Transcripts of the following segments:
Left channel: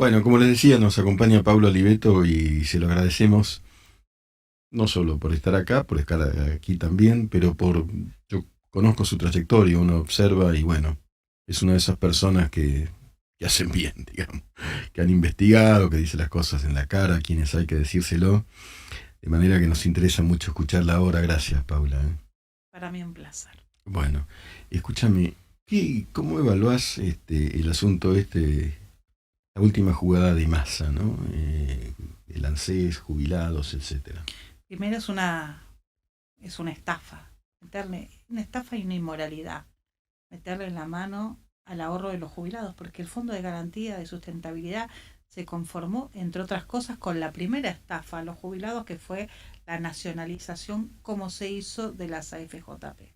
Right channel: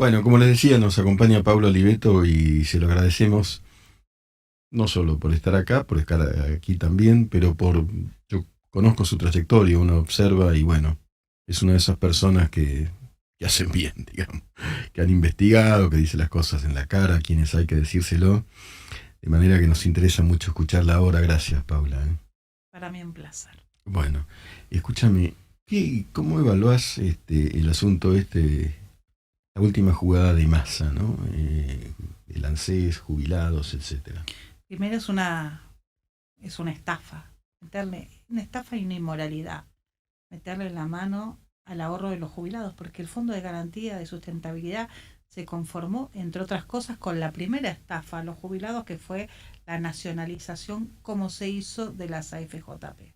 Bueno, como les decía, nos acompaña Pablo Oliveto y se lo agradecemos no solo por estar acá, por estar aquí también, pero yo conozco su trayectoria, uno observa y bueno, es una de esas personas que hacen bien, digamos, que han investigado, que dicen las cosas en la cara a quienes hay que decírselo, de manera que nos interesa mucho escucharla ahora. Gracias, Paula. Para mí un placer. Bueno, escúchame, ¿cómo evaluás el asunto la última jugada de Massa, ¿no? El ANSES, jubilados, etcétera. Primero es una estafa. Meterle una estafa y una inmoralidad. Meterle la mano al ahorro de los jubilados, porque el Fondo de Garantía de Sustentabilidad se conformó, entre otras cosas, con la primera estafa a los jubilados, que fue la nacionalización, como se hizo de las AFJP.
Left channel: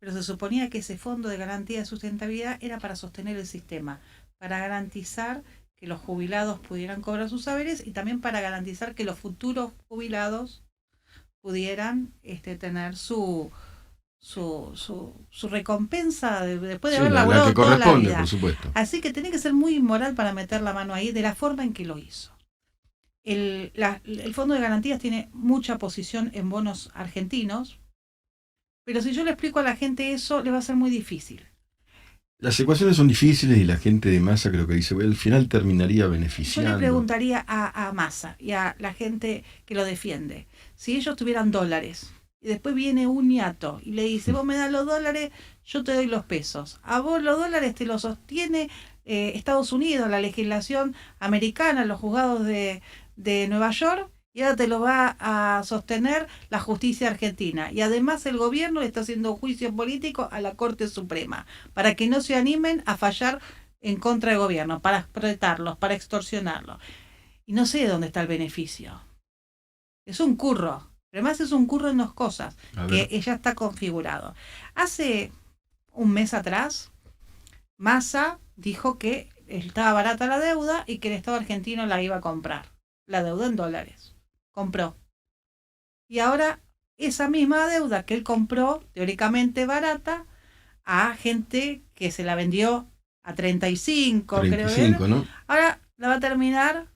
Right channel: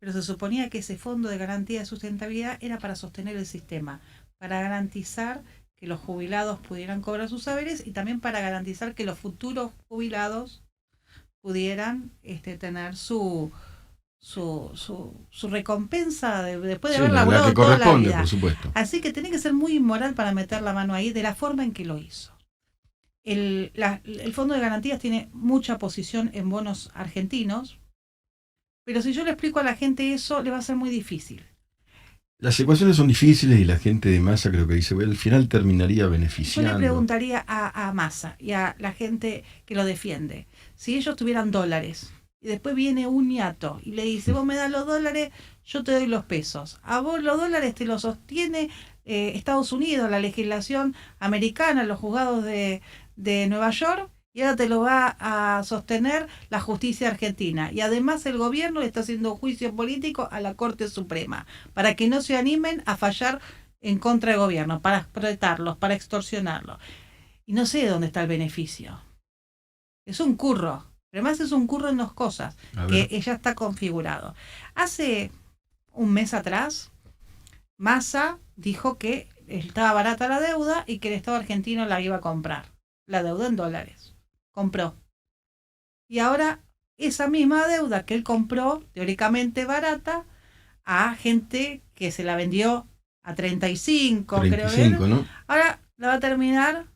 Pero se suponía que ese Fondo de Garantía de Sustentabilidad era para sostener el sistema, para garantizar que los jubilados pudieran cobrar sus saberes y también para garantizar que los futuros jubilados pudieran tener su recompensa después de Sí, haber la que laburado toda la corresponde, por vida. supuesto. Así que tiene que ser muy inmoral para meter la mano ahí de la forma en que lo hizo. El Fondo de Garantías tiene mucha posición en bonos argentinos, pero si yo le explico a la gente eso, le va a ser muy difícil. Las ecuaciones son difíciles y la gente de Massa creo que dice, bueno, al final terminaría Yo le beneficiando. preguntaría a Massa y a la gente que lo defiende, si ellos tuvieran dólares y después viene un ñato y le dice, vos me das los dólares, yo te doy los pesos. A vos los dólares te los sostiene Estados Unidos, la legislación americana, los juzgados de Nueva York, y ahora te lo va a sostener la justicia argentina. Y además el gobierno le está haciendo juicio político a la Corte Suprema, para que no se animen a fallar en contra del gobierno, para explotarlos, para extorsionarlos. Y no sé de dónde está el beneficio. Es un curro. Además es un curro en dos cosas, A ver. que ya está configurado. Hace un mes atrás, Massa dijo que estaba barata la deuda y que el Estado argentino la iba a comprar. La deuda en dólares. Compró. Y ahora esa misma deuda que él compró, teóricamente barata, a gente que se la vendió a 35, creo que era, 35, ¿no? ahora la va a terminar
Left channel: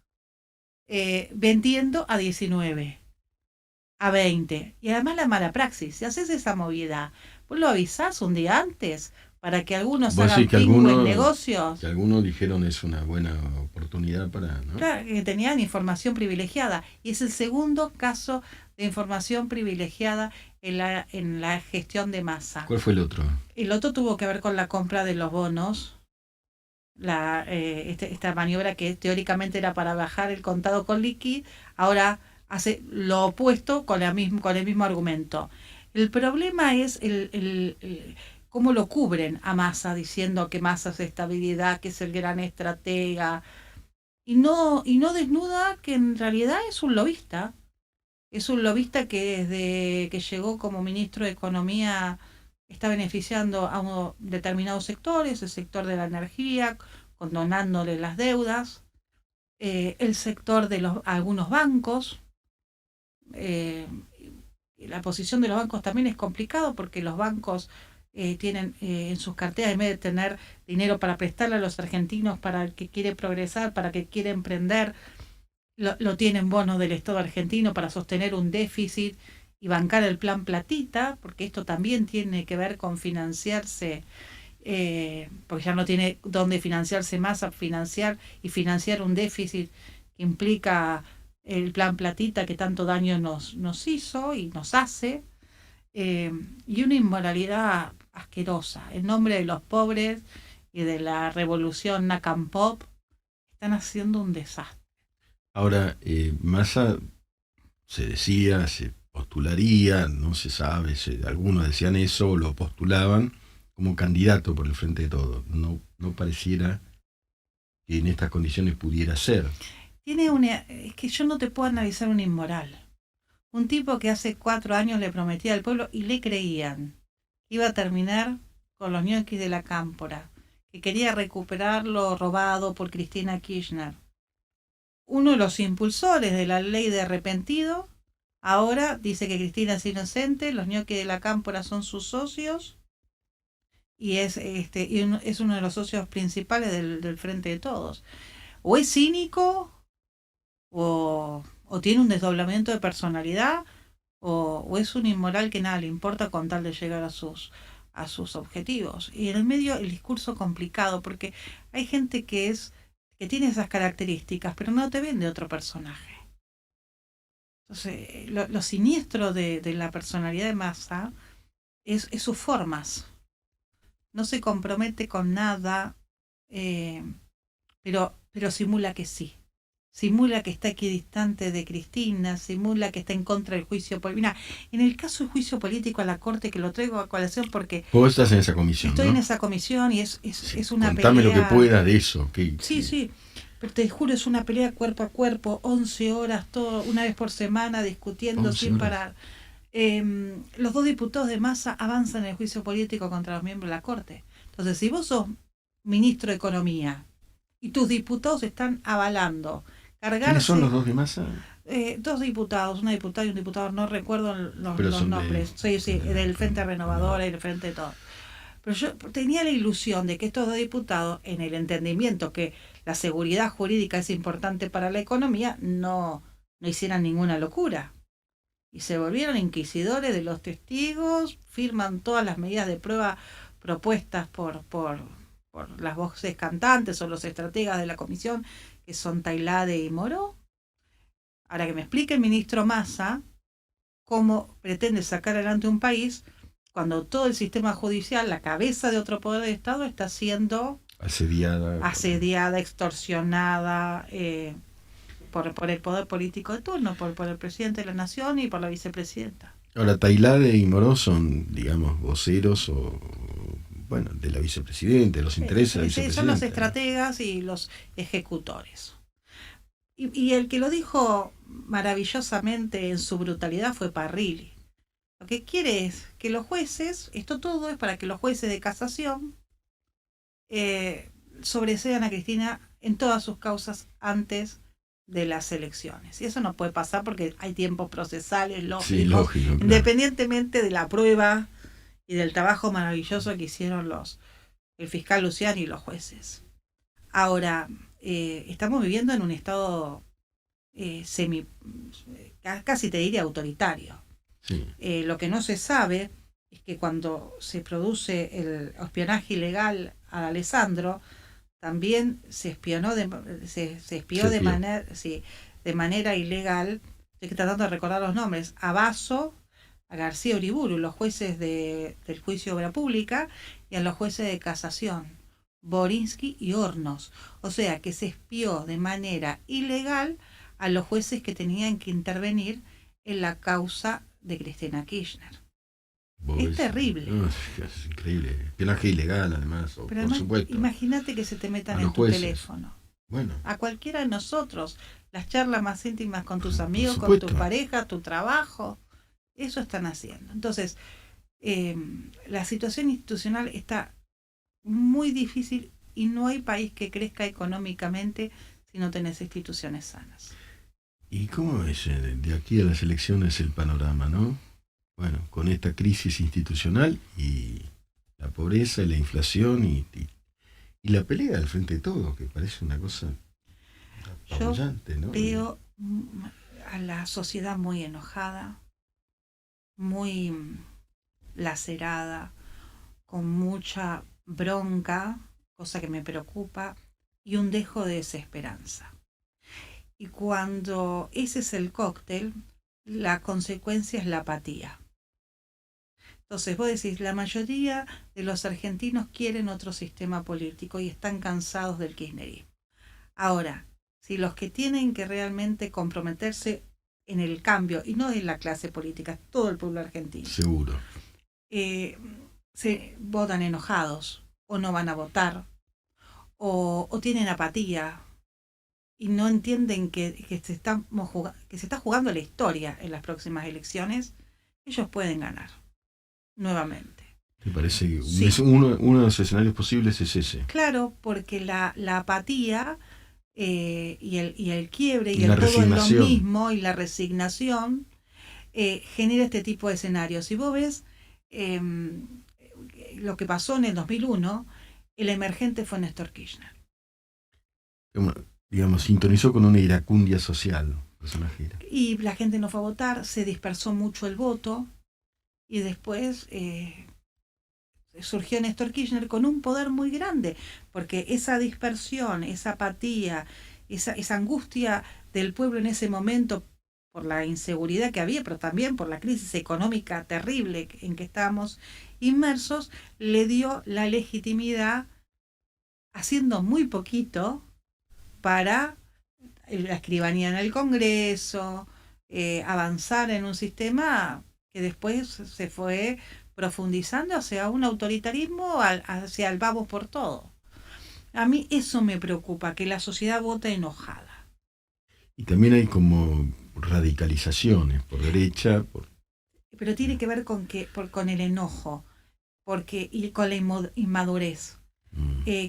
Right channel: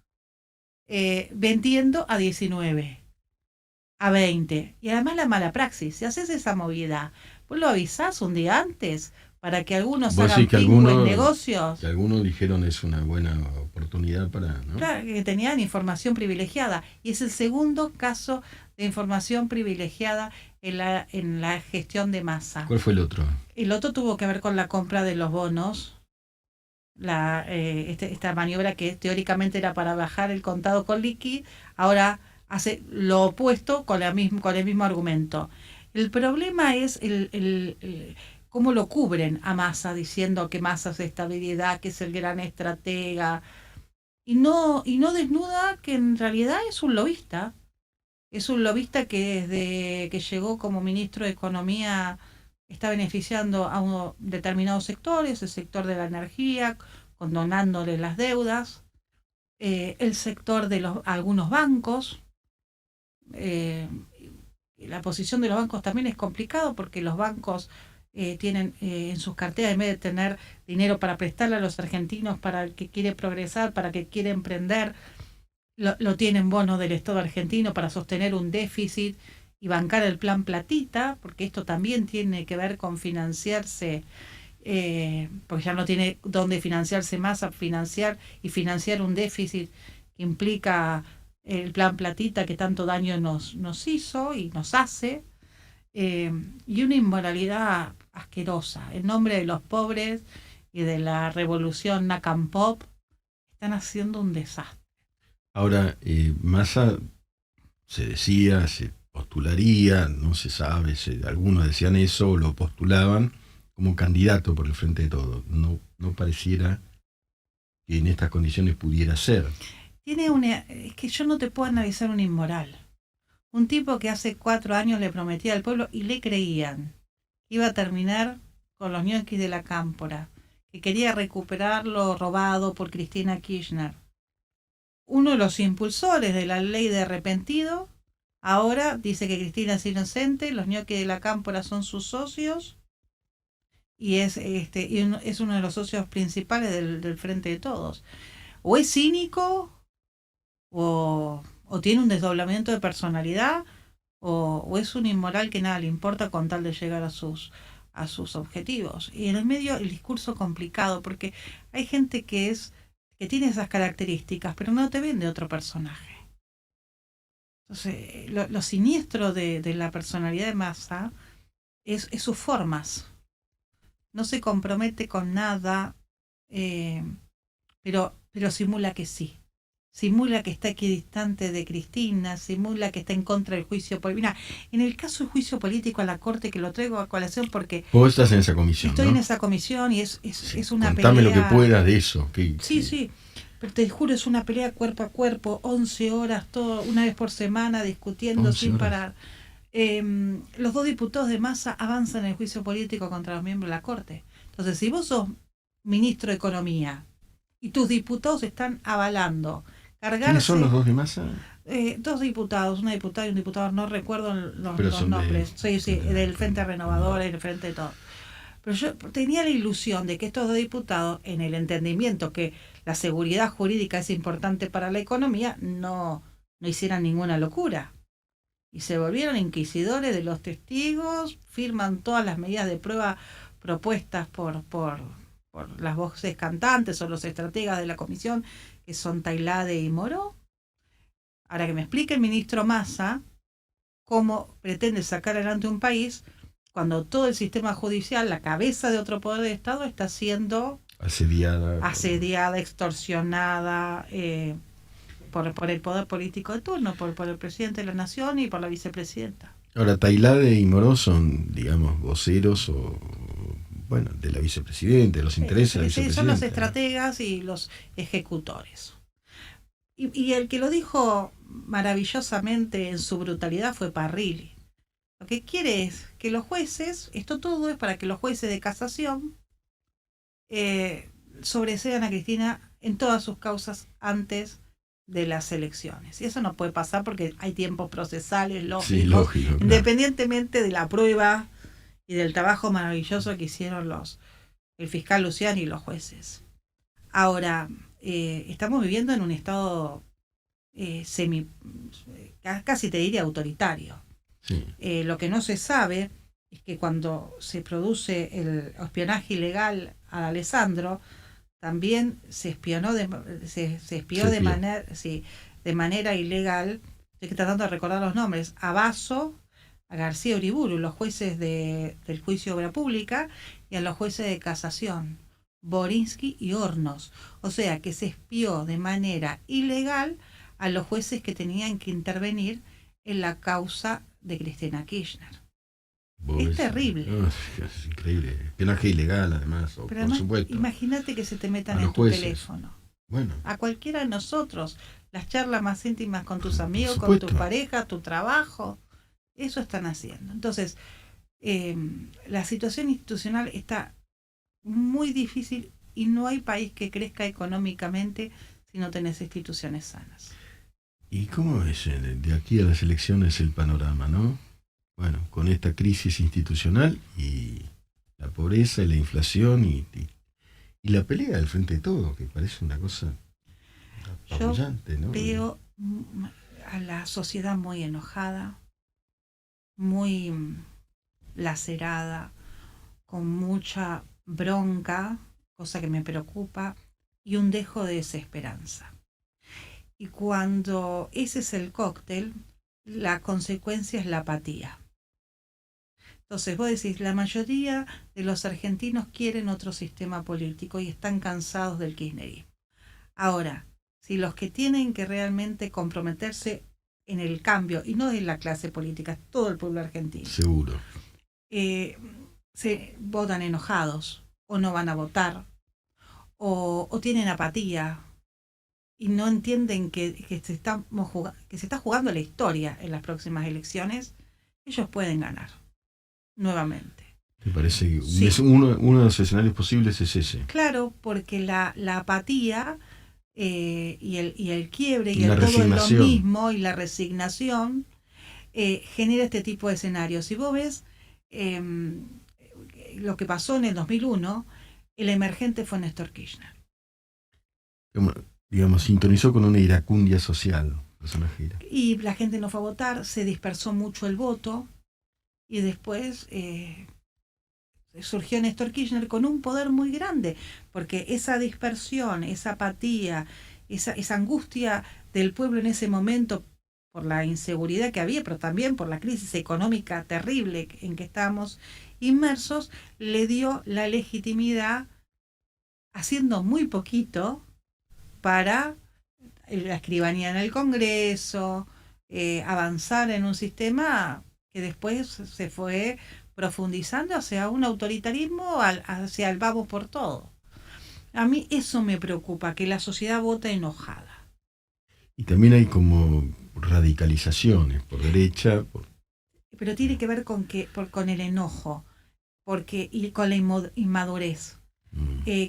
vendiendo a 19, a 20. Y además la mala praxis, si haces esa movida, vos lo avisás un día antes para que algunos Vos decís hagan pingo en negocios. que algunos dijeron es una buena oportunidad para, ¿no? Claro, que tenían información privilegiada. Y es el segundo caso de información privilegiada en la gestión de Massa. ¿Cuál fue el otro? El otro tuvo que ver con la compra de los bonos, esta maniobra que teóricamente era para bajar el contado con liqui, ahora hace lo opuesto con el mismo argumento. El problema es cómo lo cubren a Massa, diciendo que Massa es estabilidad, que es el gran estratega, y no desnuda que en realidad es un lobista. Es un lobista que desde que llegó como ministro de Economía está beneficiando a determinados sectores, el sector de la energía, condonándoles las deudas, el sector de algunos bancos. eh, la posición de los bancos también es complicado porque los bancos tienen en sus carteras, en vez de tener dinero para prestarle a los argentinos para el que quiere progresar, para el que quiere emprender, lo tienen bonos del Estado argentino para sostener un déficit y bancar el plan platita, porque esto también tiene que ver con financiarse, porque ya no tiene dónde financiarse más, a financiar y financiar un déficit que implica el plan platita que tanto daño nos hizo y nos hace, y una inmoralidad asquerosa en nombre de los pobres y de la revolución Nakam Pop. Están haciendo un desastre. Ahora, Massa se decía, se postularía, no se sabe, algunos decían eso, lo postulaban como candidato por el Frente de Todos. No, no pareciera que en estas condiciones pudiera ser. Es que yo no te puedo analizar un inmoral. Un tipo que hace 4 años le prometía al pueblo y le creían que iba a terminar con los ñoquis de la cámpora, que quería recuperar lo robado por Cristina Kirchner. Uno de los impulsores de la ley de arrepentido, ahora dice que Cristina es inocente, los ñoquis de la cámpora son sus socios y es uno de los socios principales del Frente de Todos. o es cínico, o tiene un desdoblamiento de personalidad, o es un inmoral que nada le importa con tal de llegar a sus objetivos. Y en el medio el discurso complicado, porque hay gente que tiene esas características, pero no te vende otro personaje. Entonces, lo siniestro de la personalidad de Massa es sus formas. No se compromete con nada, eh, pero simula que sí. Simula que está equidistante de Cristina, simula que está en contra del juicio político. Mira, en el caso del juicio político a la Corte, que lo traigo a colación porque Vos estás en esa comisión, estoy ¿no? en esa comisión y Sí, es una contame pelea. lo que puedas de eso. Sí, pero te juro, es una pelea cuerpo a cuerpo, 11 horas, una vez por semana, discutiendo sin horas. parar. Los dos diputados de Massa avanzan en el juicio político contra los miembros de la Corte. Entonces, si vos sos ministro de Economía y tus diputados están avalando ¿Quiénes son los dos de Massa? Dos diputados, una diputada y un diputado, no recuerdo los nombres. Sí, del Frente Renovador, el Frente de todo. Pero yo tenía la ilusión de que estos dos diputados, en el entendimiento que la seguridad jurídica es importante para la economía, no hicieran ninguna locura. Y se volvieron inquisidores de los testigos, firman todas las medidas de prueba propuestas por las voces cantantes o los estrategas de la comisión, que son Tailade y Moró. Ahora que me explique el ministro Massa cómo pretende sacar adelante un país cuando todo el sistema judicial, la cabeza de otro poder de Estado, está siendo asediada, extorsionada por el poder político de turno, por el presidente de la nación y por la vicepresidenta. Ahora, Tailade y Moró son, digamos, voceros bueno, de la vicepresidenta, de los intereses de la vicepresidenta. Son los estrategas y los ejecutores. Y el que lo dijo maravillosamente en su brutalidad fue Parrilli. Lo que quiere es que los jueces, esto todo es para que los jueces de casación sobresean a Cristina en todas sus causas antes de las elecciones. Y eso no puede pasar porque hay tiempos procesales lógicos, sí, lógico, claro. Independientemente de la prueba y del trabajo maravilloso que hicieron el fiscal Luciani y los jueces. Ahora, estamos viviendo en un estado casi te diría autoritario. Sí. Lo que no se sabe es que cuando se produce el espionaje ilegal a Alessandro, también se espió de manera ilegal. Estoy tratando de recordar los nombres: a Basso, a García Uriburu, los jueces del juicio de obra pública, y a los jueces de casación, Borinsky y Hornos. O sea que se espió de manera ilegal a los jueces que tenían que intervenir en la causa de Cristina Kirchner. Es terrible. No, es increíble. Espionaje ilegal, además, pero por supuesto. Imagínate que se te metan a en tu jueces. teléfono. Bueno. A cualquiera de nosotros. Las charlas más íntimas con tus amigos, con tu pareja, tu trabajo. Eso están haciendo. Entonces, la situación institucional está muy difícil y no hay país que crezca económicamente si no tenés instituciones sanas. ¿Y cómo es de aquí a las elecciones el panorama, no? Bueno, con esta crisis institucional y la pobreza y la inflación y la pelea del frente de todos, que parece una cosa apabullante, ¿no? Veo a la sociedad muy enojada, muy lacerada, con mucha bronca, cosa que me preocupa, y un dejo de desesperanza. Y cuando ese es el cóctel, la consecuencia es la apatía. Entonces vos decís, la mayoría de los argentinos quieren otro sistema político y están cansados del kirchnerismo. Ahora, si los que tienen que realmente comprometerse en el cambio, y no es la clase política, es todo el pueblo argentino. Seguro. Se votan enojados, o no van a votar, o tienen apatía, y no entienden que se está jugando la historia en las próximas elecciones, ellos pueden ganar nuevamente. Me parece que sí. uno de los escenarios posibles es ese. Claro, porque la apatía y el quiebre y la el todo es lo mismo, y la resignación genera este tipo de escenarios. Si vos ves lo que pasó en el 2001, el emergente fue Néstor Kirchner. digamos, sintonizó con una iracundia social, personaje. Y la gente no fue a votar, se dispersó mucho el voto y después surgió Néstor Kirchner con un poder muy grande, porque esa dispersión, esa apatía, esa angustia del pueblo en ese momento por la inseguridad que había, pero también por la crisis económica terrible en que estábamos inmersos, le dio la legitimidad haciendo muy poquito para la escribanía en el Congreso, avanzar en un sistema que después se fue profundizando hacia un autoritarismo, hacia el vamos por todo. A mí eso me preocupa, que la sociedad vote enojada. Y también hay como radicalizaciones por derecha. Pero tiene que ver con el enojo, y con la inmadurez.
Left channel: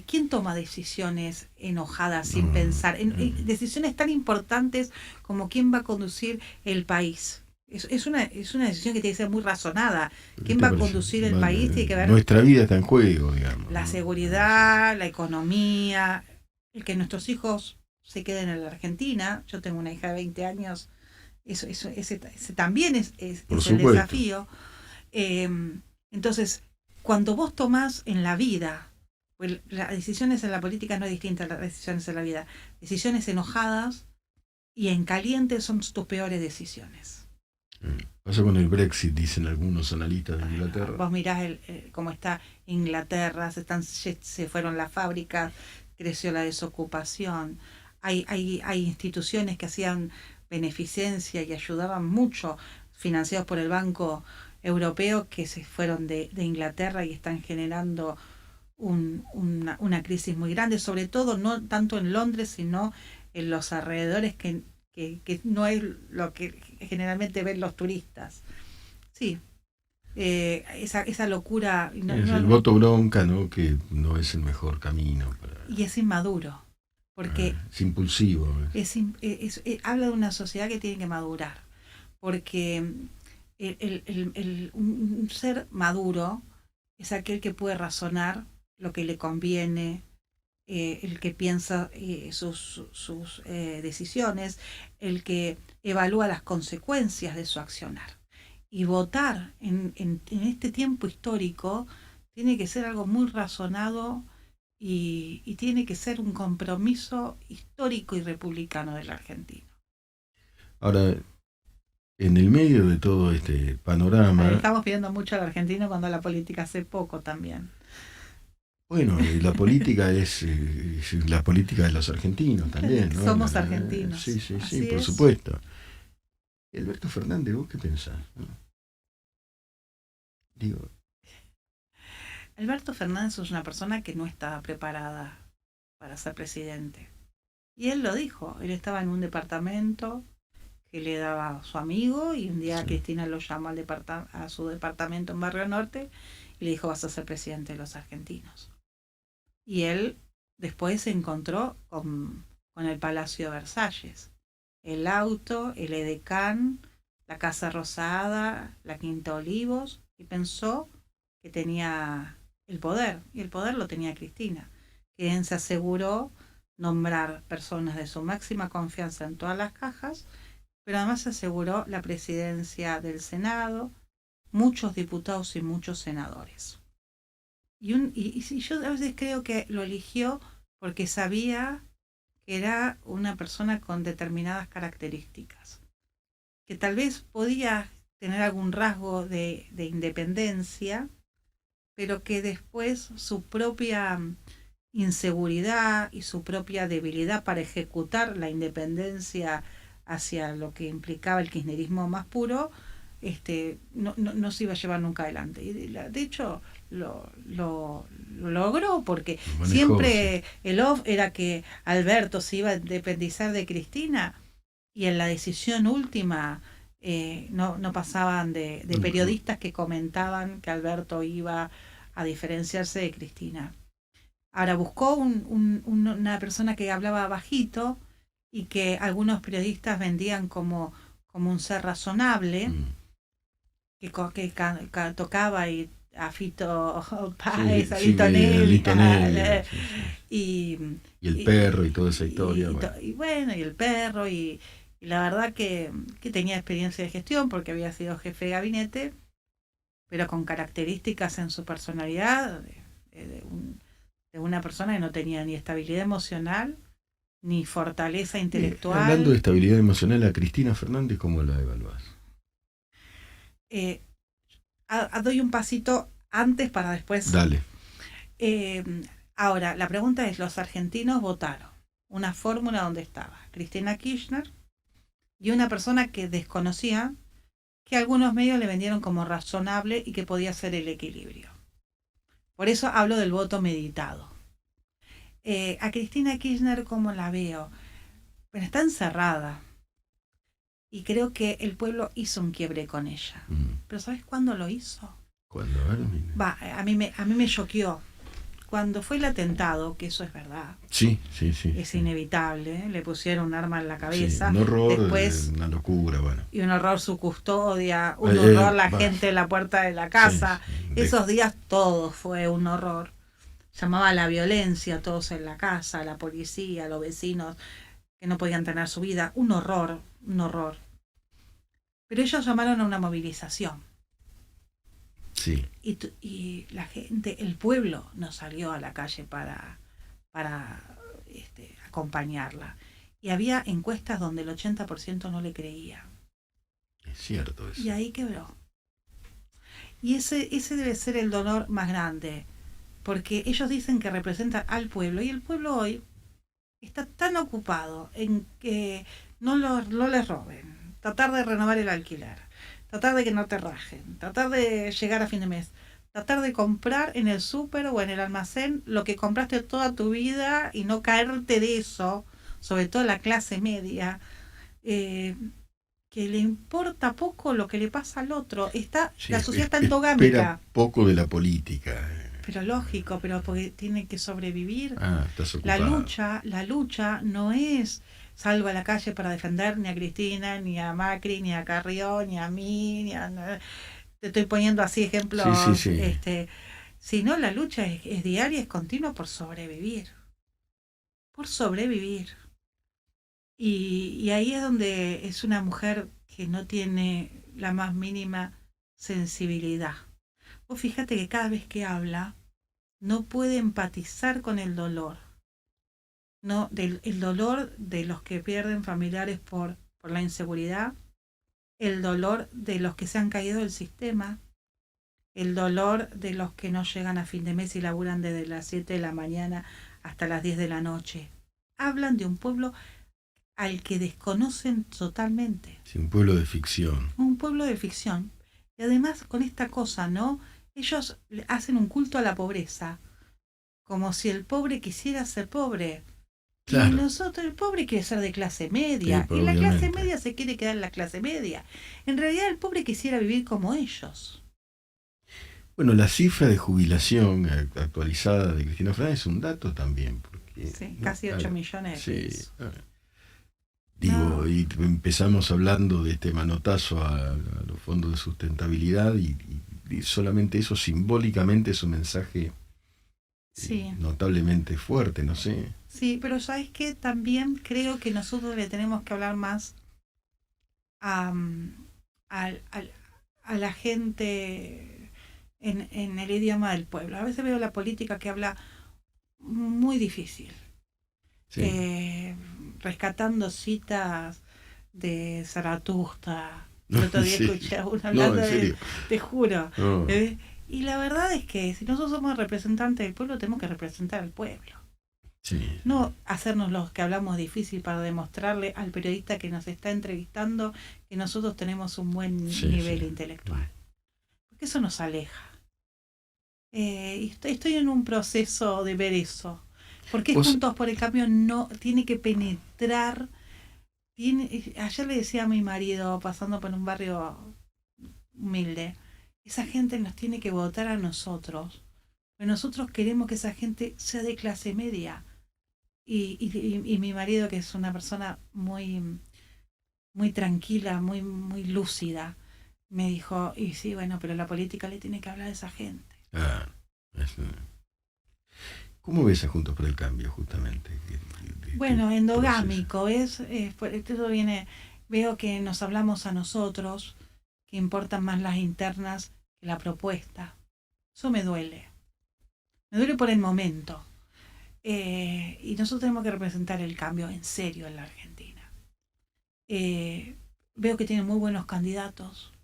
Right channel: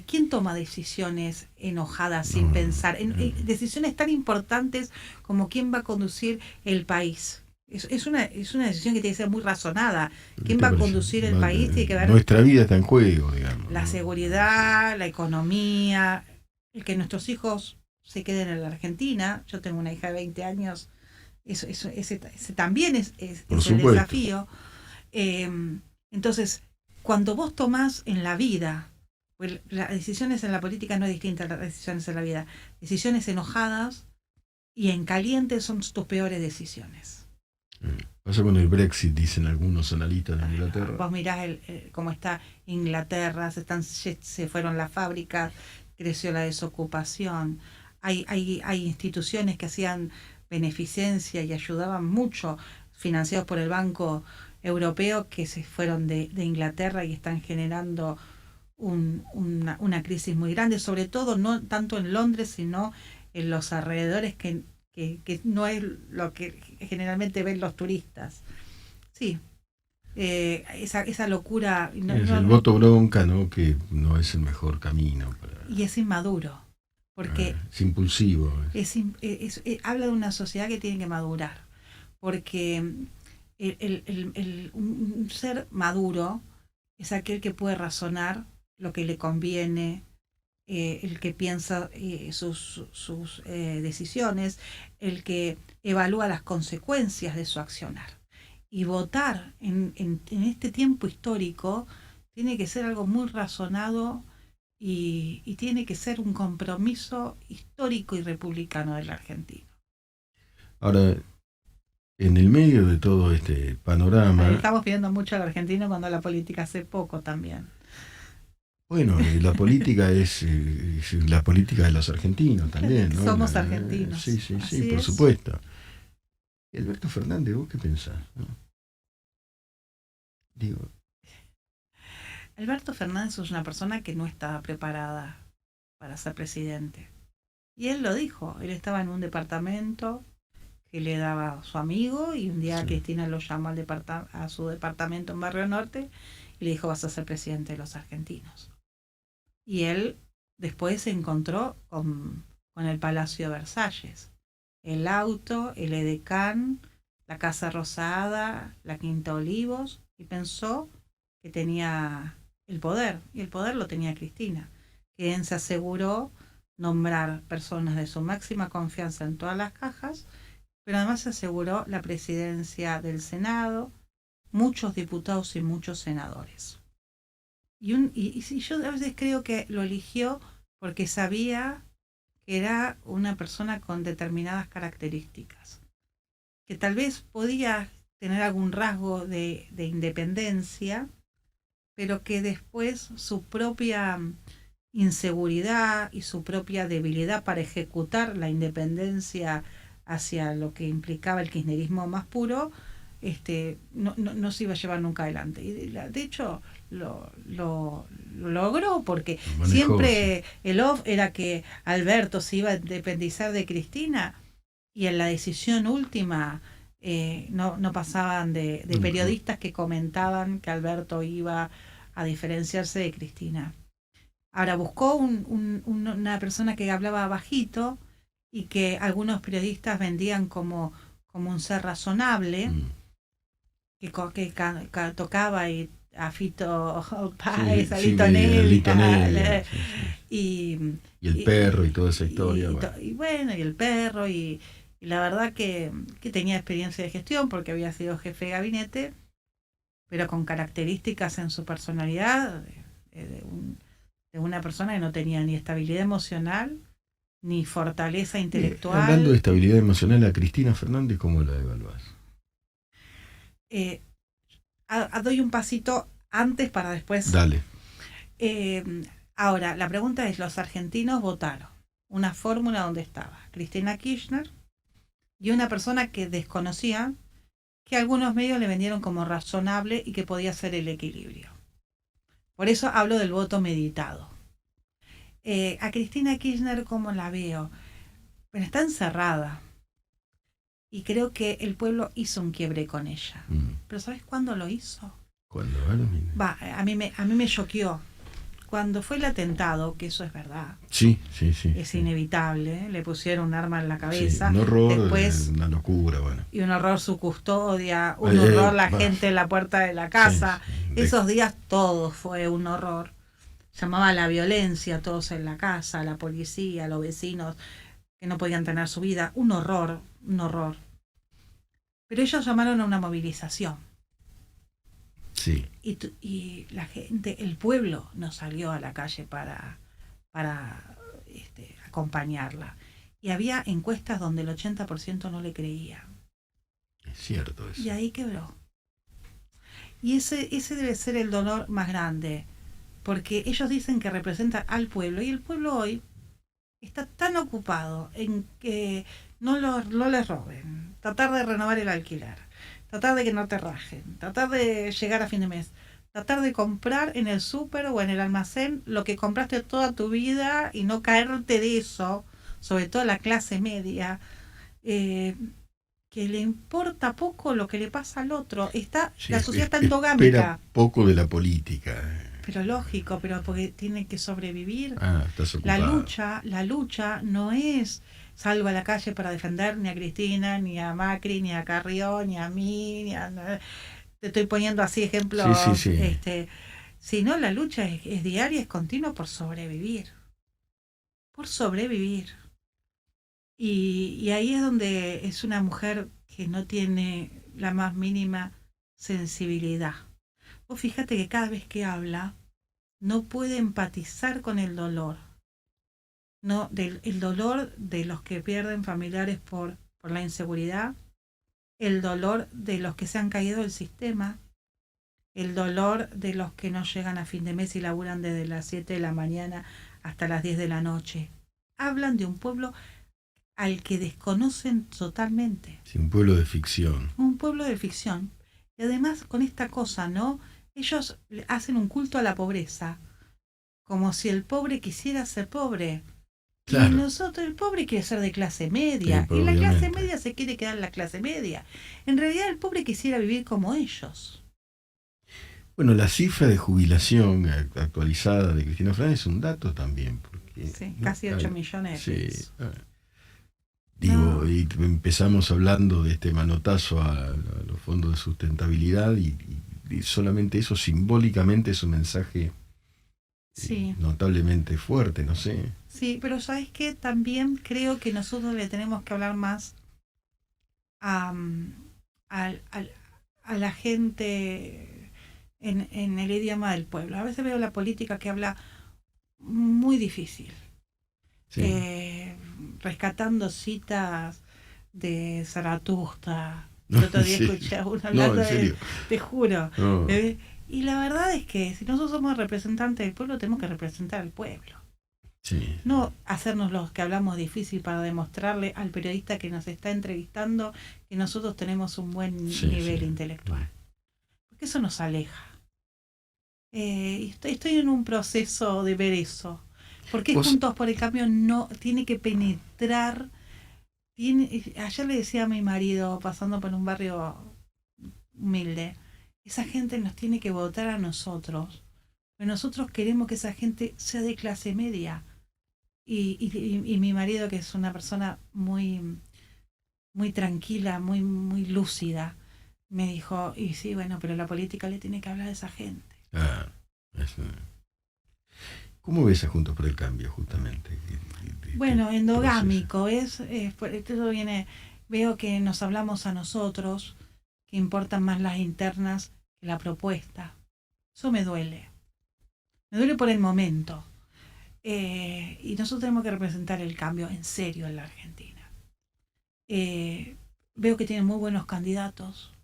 ¿Quién toma decisiones enojadas sin pensar? Decisiones tan importantes como quién va a conducir el país. Es una decisión que tiene que ser muy razonada. ¿Quién va a conducir el país? Tiene que ver nuestra vida está en juego, digamos. la seguridad, la economía, el que nuestros hijos se queden en la Argentina. Yo tengo una hija de 20 años. Ese también es el desafío. Entonces, cuando vos tomás en la vida, pues las decisiones en la política no es distinta a las decisiones en la vida, decisiones enojadas y en caliente son tus peores decisiones. Pasa con el Brexit, dicen algunos analistas de Inglaterra. Vos mirás cómo está Inglaterra, se fueron las fábricas, creció la desocupación, hay instituciones que hacían beneficencia y ayudaban mucho, financiados por el Banco Europeo, que se fueron de Inglaterra y están generando una crisis muy grande, sobre todo no tanto en Londres, sino en los alrededores que no es lo que generalmente ven los turistas. Sí, esa locura. El voto bronca, ¿no? Que no es el mejor camino. Y es inmaduro, porque es impulsivo. Habla de una sociedad que tiene que madurar, porque un ser maduro es aquel que puede razonar lo que le conviene, el que piensa sus decisiones, el que evalúa las consecuencias de su accionar. Y votar en este tiempo histórico tiene que ser algo muy razonado y tiene que ser un compromiso histórico y republicano del argentino. Ahora, en el medio de todo este panorama... Estamos pidiendo mucho al argentino cuando la política hace poco también. Bueno, la política es la política de los argentinos también, ¿no? Somos argentinos. Sí, por supuesto. Alberto Fernández, ¿vos qué pensás? ¿No? Digo. Alberto Fernández es una persona que no estaba preparada para ser presidente. Y él lo dijo, él estaba en un departamento que le daba su amigo y un día Cristina lo llamó a su departamento en Barrio Norte y le dijo: vas a ser presidente de los argentinos. Y él después se encontró con el Palacio de Versalles, el auto, el edecán, la Casa Rosada, la Quinta Olivos, y pensó que tenía el poder, y el poder lo tenía Cristina, quien se aseguró nombrar personas de su máxima confianza en todas las cajas, pero además se aseguró la presidencia del Senado, muchos diputados y muchos senadores. Y yo a veces creo que lo eligió porque sabía que era una persona con determinadas características, que tal vez podía tener algún rasgo de independencia, pero que después su propia inseguridad y su propia debilidad para ejecutar la independencia hacia lo que implicaba el kirchnerismo más puro, no se iba a llevar nunca adelante. Y de hecho lo logró, porque siempre el off era que Alberto se iba a independizar de Cristina, y en la decisión última no pasaban de periodistas que comentaban que Alberto iba a diferenciarse de Cristina. Ahora buscó una persona que hablaba bajito y que algunos periodistas vendían como un ser razonable, que tocaba y a Fito Sí, Páez, a sí, Lito a Lito Nevia, Nevia, sí, sí. Y el perro y toda esa historia. Bueno. y bueno, y el perro, y la verdad que tenía experiencia de gestión porque había sido jefe de gabinete, pero con características en su personalidad de una persona que no tenía ni estabilidad emocional, ni fortaleza Hablando de intelectual. estabilidad emocional, a Cristina Fernández, ¿cómo la evaluás? Eh, Doy un pasito antes para después. Dale. Eh, Ahora, la pregunta es, los argentinos votaron una fórmula donde estaba Cristina Kirchner y una persona que desconocía, que algunos medios le vendieron como razonable y que podía ser el equilibrio. Por eso hablo del voto meditado. A Cristina Kirchner, ¿cómo la veo? Bueno, está encerrada y creo que el pueblo hizo un quiebre con ella. Pero ¿sabes cuándo lo hizo? ¿Cuándo? Va, a mí me choqueó. Cuando fue el atentado, que eso es verdad, Sí. es inevitable, le pusieron un arma en la Sí, cabeza, un horror, después, una locura, bueno. y un horror su custodia, un horror la gente en la puerta de la casa. Sí. Esos días todo fue un horror. Llamaba a la violencia, todos en la casa, la policía, los vecinos que no podían tener su vida. Un horror, un horror. Pero ellos llamaron a una movilización. Sí. Y la gente, el pueblo no salió a la calle para acompañarla. Y había encuestas donde el 80% no le creía. Es cierto eso. Y ahí quebró. Y ese debe ser el dolor más grande, porque ellos dicen que representan al pueblo, y el pueblo hoy está tan ocupado en que no les roben, tratar de renovar el alquiler, tratar de que no te rajen, tratar de llegar a fin de mes, tratar de comprar en el súper o en el almacén lo que compraste toda tu vida y no caerte de eso, sobre todo la clase media, que le importa poco lo que le pasa al otro. La sociedad está endogámica. Espera poco de la política. Pero lógico, pero porque tiene que sobrevivir. Estás ocupado. La lucha no es salgo a la calle para defender ni a Cristina, ni a Macri, ni a Carrión, ni a mí, te estoy poniendo así ejemplos. Sí. Sino la lucha es diaria, es continua por sobrevivir. Por sobrevivir. Y ahí es donde es una mujer que no tiene la más mínima sensibilidad. Vos fíjate que cada vez que habla no puede empatizar con el dolor. No, el dolor de los que pierden familiares por la inseguridad, el dolor de los que se han caído del sistema, el dolor de los que no llegan a fin de mes y laburan desde las 7 de la mañana hasta las 10 de la noche. Hablan de un pueblo al que desconocen totalmente. Sí, un pueblo de ficción. Un pueblo de ficción. Y además con esta cosa, ¿no? Ellos hacen un culto a la pobreza, como si el pobre quisiera ser pobre. Claro. Y nosotros, el pobre quiere ser de clase media, sí, y la clase media se quiere quedar en la clase media. En realidad el pobre quisiera vivir como ellos. Bueno, la cifra de jubilación actualizada de Cristina Fernández es un dato también. Porque, sí, casi 8 millones de pesos. Digo, y empezamos hablando de este manotazo a los fondos de sustentabilidad y solamente eso simbólicamente es un mensaje notablemente fuerte, no sé. Sí, pero ¿sabes qué? También creo que nosotros le tenemos que hablar más a la gente en el idioma del pueblo. A veces veo la política que habla muy difícil. Sí. Rescatando citas de Zaratustra. El otro día escuché a uno hablando te juro. No. Y la verdad es que si nosotros somos representantes del pueblo, tenemos que representar al pueblo. Sí. No hacernos los que hablamos difícil para demostrarle al periodista que nos está entrevistando que nosotros tenemos un buen nivel intelectual. Porque eso nos aleja. Estoy en un proceso de ver eso. Porque Juntos por el Cambio no tiene que penetrar. Ayer le decía a mi marido, pasando por un barrio humilde, esa gente nos tiene que votar a nosotros. Pero nosotros queremos que esa gente sea de clase media. Y mi marido, que es una persona muy, muy tranquila, muy, muy lúcida, me dijo, y sí, bueno, pero la política le tiene que hablar a esa gente. Ah, es, ¿cómo ves a Juntos por el Cambio, justamente? Bueno, Proceso. endogámico, esto viene, veo que nos hablamos a nosotros, que importan más las internas que la propuesta. Eso me duele por el momento. Y nosotros tenemos que representar el cambio en serio en la Argentina. Eh, Veo que tiene muy buenos candidatos,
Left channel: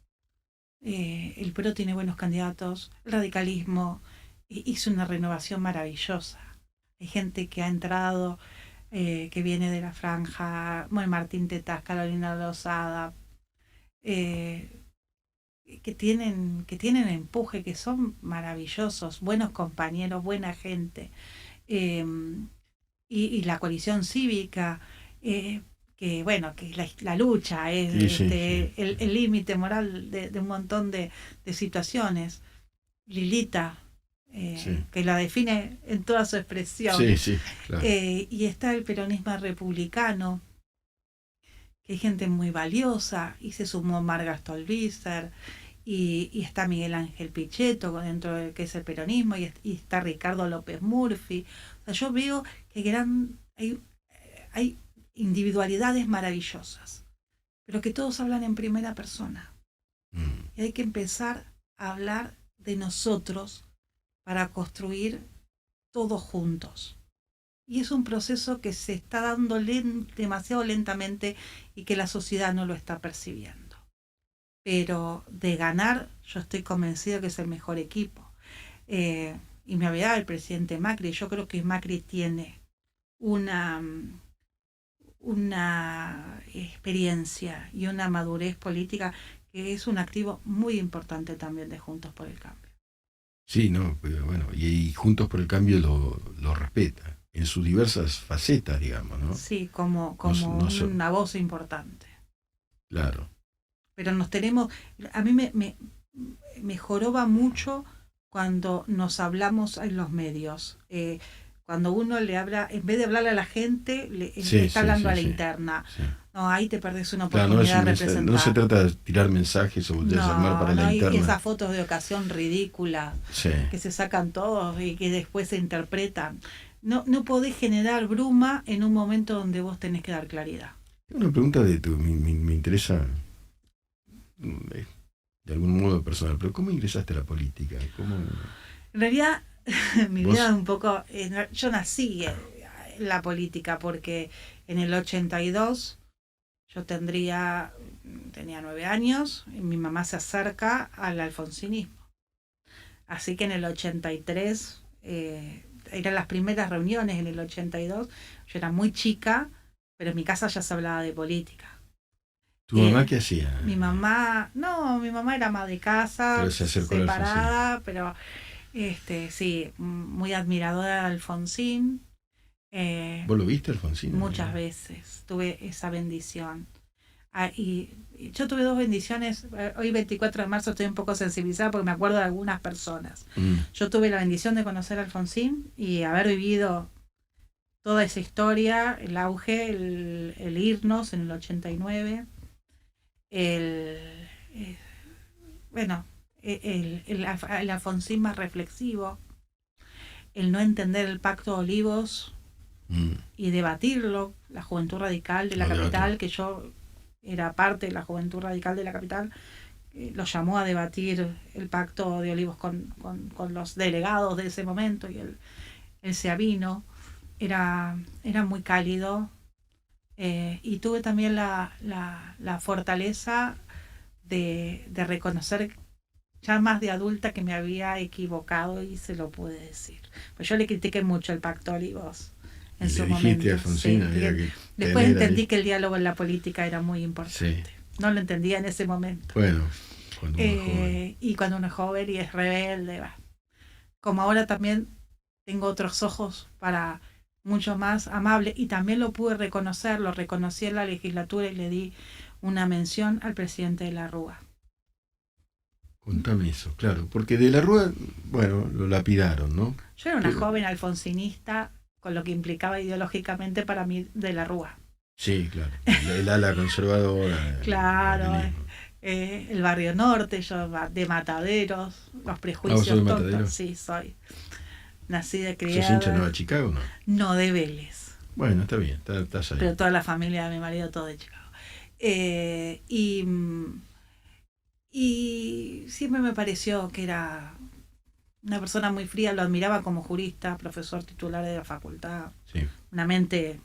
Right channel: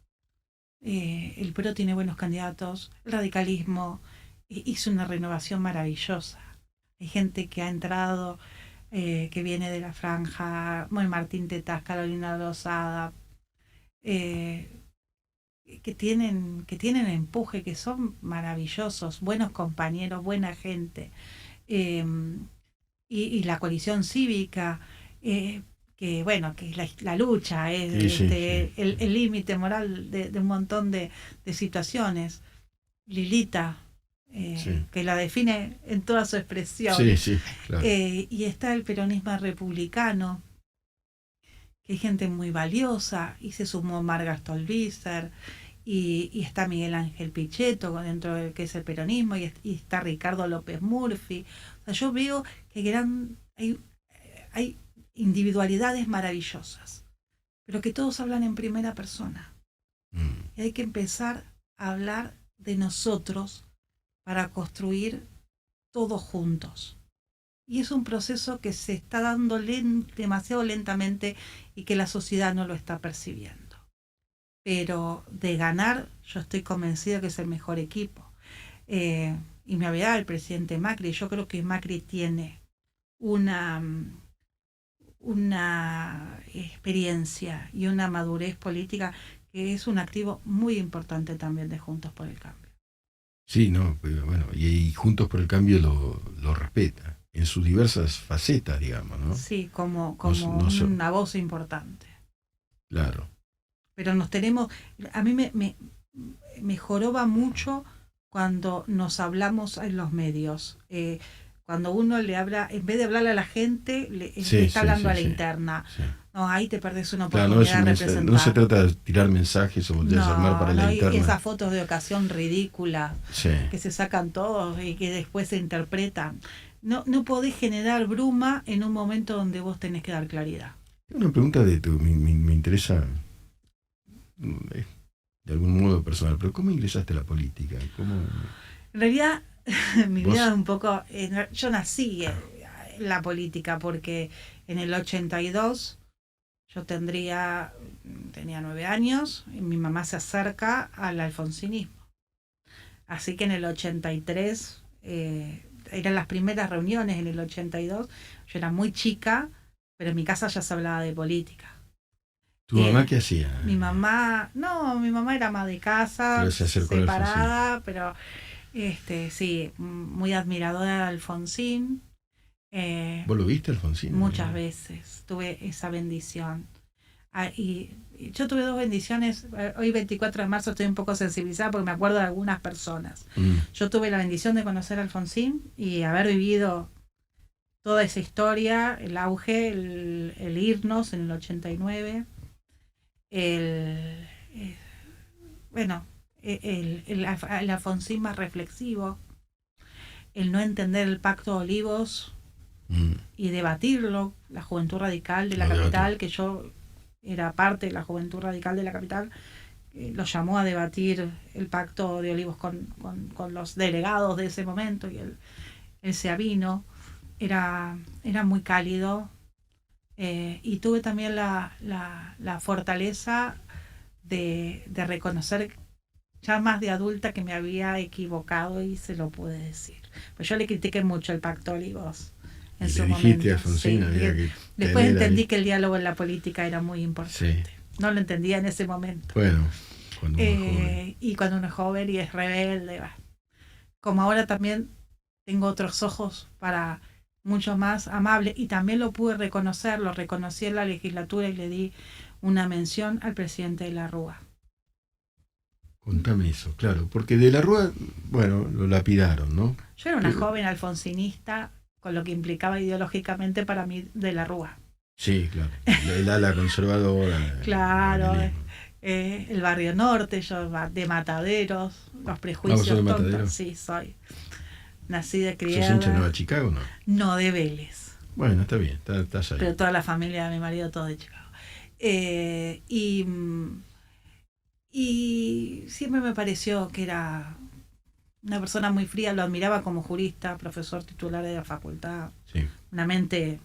el PRO tiene buenos candidatos, el radicalismo hizo una renovación maravillosa. Hay gente que ha entrado, que viene de la franja, bueno, Martín Tetaz, Carolina Lozada, eh, que tienen empuje, que son maravillosos, buenos compañeros, buena gente. Eh, y la coalición cívica, eh, que bueno, que la lucha es Sí, sí, sí. el límite moral de un montón de situaciones. Lilita, Sí, que la define en toda su sí, expresión. sí, claro. Y está el peronismo republicano, que hay gente muy valiosa, y se sumó Marga Stolbizer, y está Miguel Ángel Pichetto dentro del que es el peronismo, y está Ricardo López Murphy. O sea, yo veo que hay individualidades maravillosas, pero que todos hablan en primera persona. Mm. Y hay que empezar a hablar de nosotros para construir todos juntos. Y es un proceso que se está dando demasiado lentamente y que la sociedad no lo está percibiendo. Pero de ganar, yo estoy convencido que es el mejor equipo. Y me olvidaba el presidente Macri. Yo creo que Macri tiene una, una experiencia y una madurez política que es un activo muy importante también de Juntos por el Cambio. Sí, no, pero bueno, y Juntos por el Cambio lo respeta en sus diversas facetas, digamos, ¿no? Sí, No, como no una voz importante. claro. Pero nos tenemos, a mí me joroba mucho cuando nos hablamos en los medios. Cuando uno le habla, en vez de hablarle a la gente, le Sí, está sí, hablando sí, a la sí, interna. sí. No, ahí te perdés una Claro, no es oportunidad un de mensaje, no se representar. trata de tirar mensajes o de llamar para No, la no, y interna. esas fotos de ocasión ridículas Sí. que se sacan todos y que después se interpretan. No, no podés generar bruma en un momento donde vos tenés que dar claridad. Tengo una pregunta me interesa de algún modo personal, pero ¿cómo ingresaste a la política? ¿Cómo En realidad, mi vida es vos? un poco... yo nací en la política porque en el 82 yo tenía 9 años y mi mamá se acerca al alfonsinismo. Así que en el 83, eran las primeras reuniones en el 82, yo era muy chica, pero en mi casa ya se hablaba de política. ¿Tu mamá qué hacía? Mi mamá, no, mi mamá era ama de casa, Pero se acercó al alfonsinismo. separada, pero sí, muy admiradora de Alfonsín. ¿Vos lo viste, Alfonsín? Muchas veces tuve esa bendición. Y yo tuve dos bendiciones. Hoy 24 de marzo estoy un poco sensibilizada porque me acuerdo de algunas personas. Mm. Yo tuve la bendición de conocer a Alfonsín y haber vivido toda esa historia, el auge, el irnos en el 89, el, eh, bueno, el Alfonsín más reflexivo, el no entender el Pacto de Olivos Mm. y debatirlo, la Juventud Radical de la Lo debatió. capital, que yo era parte de la Juventud Radical de la capital, lo llamó a debatir el Pacto de Olivos con los delegados de ese momento y él se avino, era muy cálido, y tuve también la fortaleza de reconocer ya más de adulta que me había equivocado y se lo pude decir. Pues yo le critiqué mucho el Pacto Olivos en Y le su dijiste a momento. Alfonsín, Sí. había que Después tener entendí ahí. que el diálogo en la política era muy Sí. importante. No lo entendía en ese momento. Bueno, cuando uno es joven. Y cuando uno es joven y es rebelde, como ahora también tengo otros ojos para mucho más amable y también lo pude reconocer, lo reconocí en la legislatura y le di una mención al presidente de la Rúa. Contame eso, claro. Porque de la Rúa, bueno, lo lapidaron, ¿no? Yo era una Pero, joven alfonsinista con lo que implicaba ideológicamente para mí de la Rúa. sí, claro. El ala conservadora. El Claro, manelismo. El barrio norte, yo de Mataderos, los ¿Vos prejuicios sos de tontos. Matadero? Sí, soy nacida, ¿Sos hincha de criada. Nueva Chicago o no? No, de Vélez. Bueno, está bien, estás Pero ahí. toda la familia de mi marido, todo de Chicago. Eh, y, y siempre me pareció que era una persona muy fría, lo admiraba como jurista, profesor titular de la facultad, Sí, una mente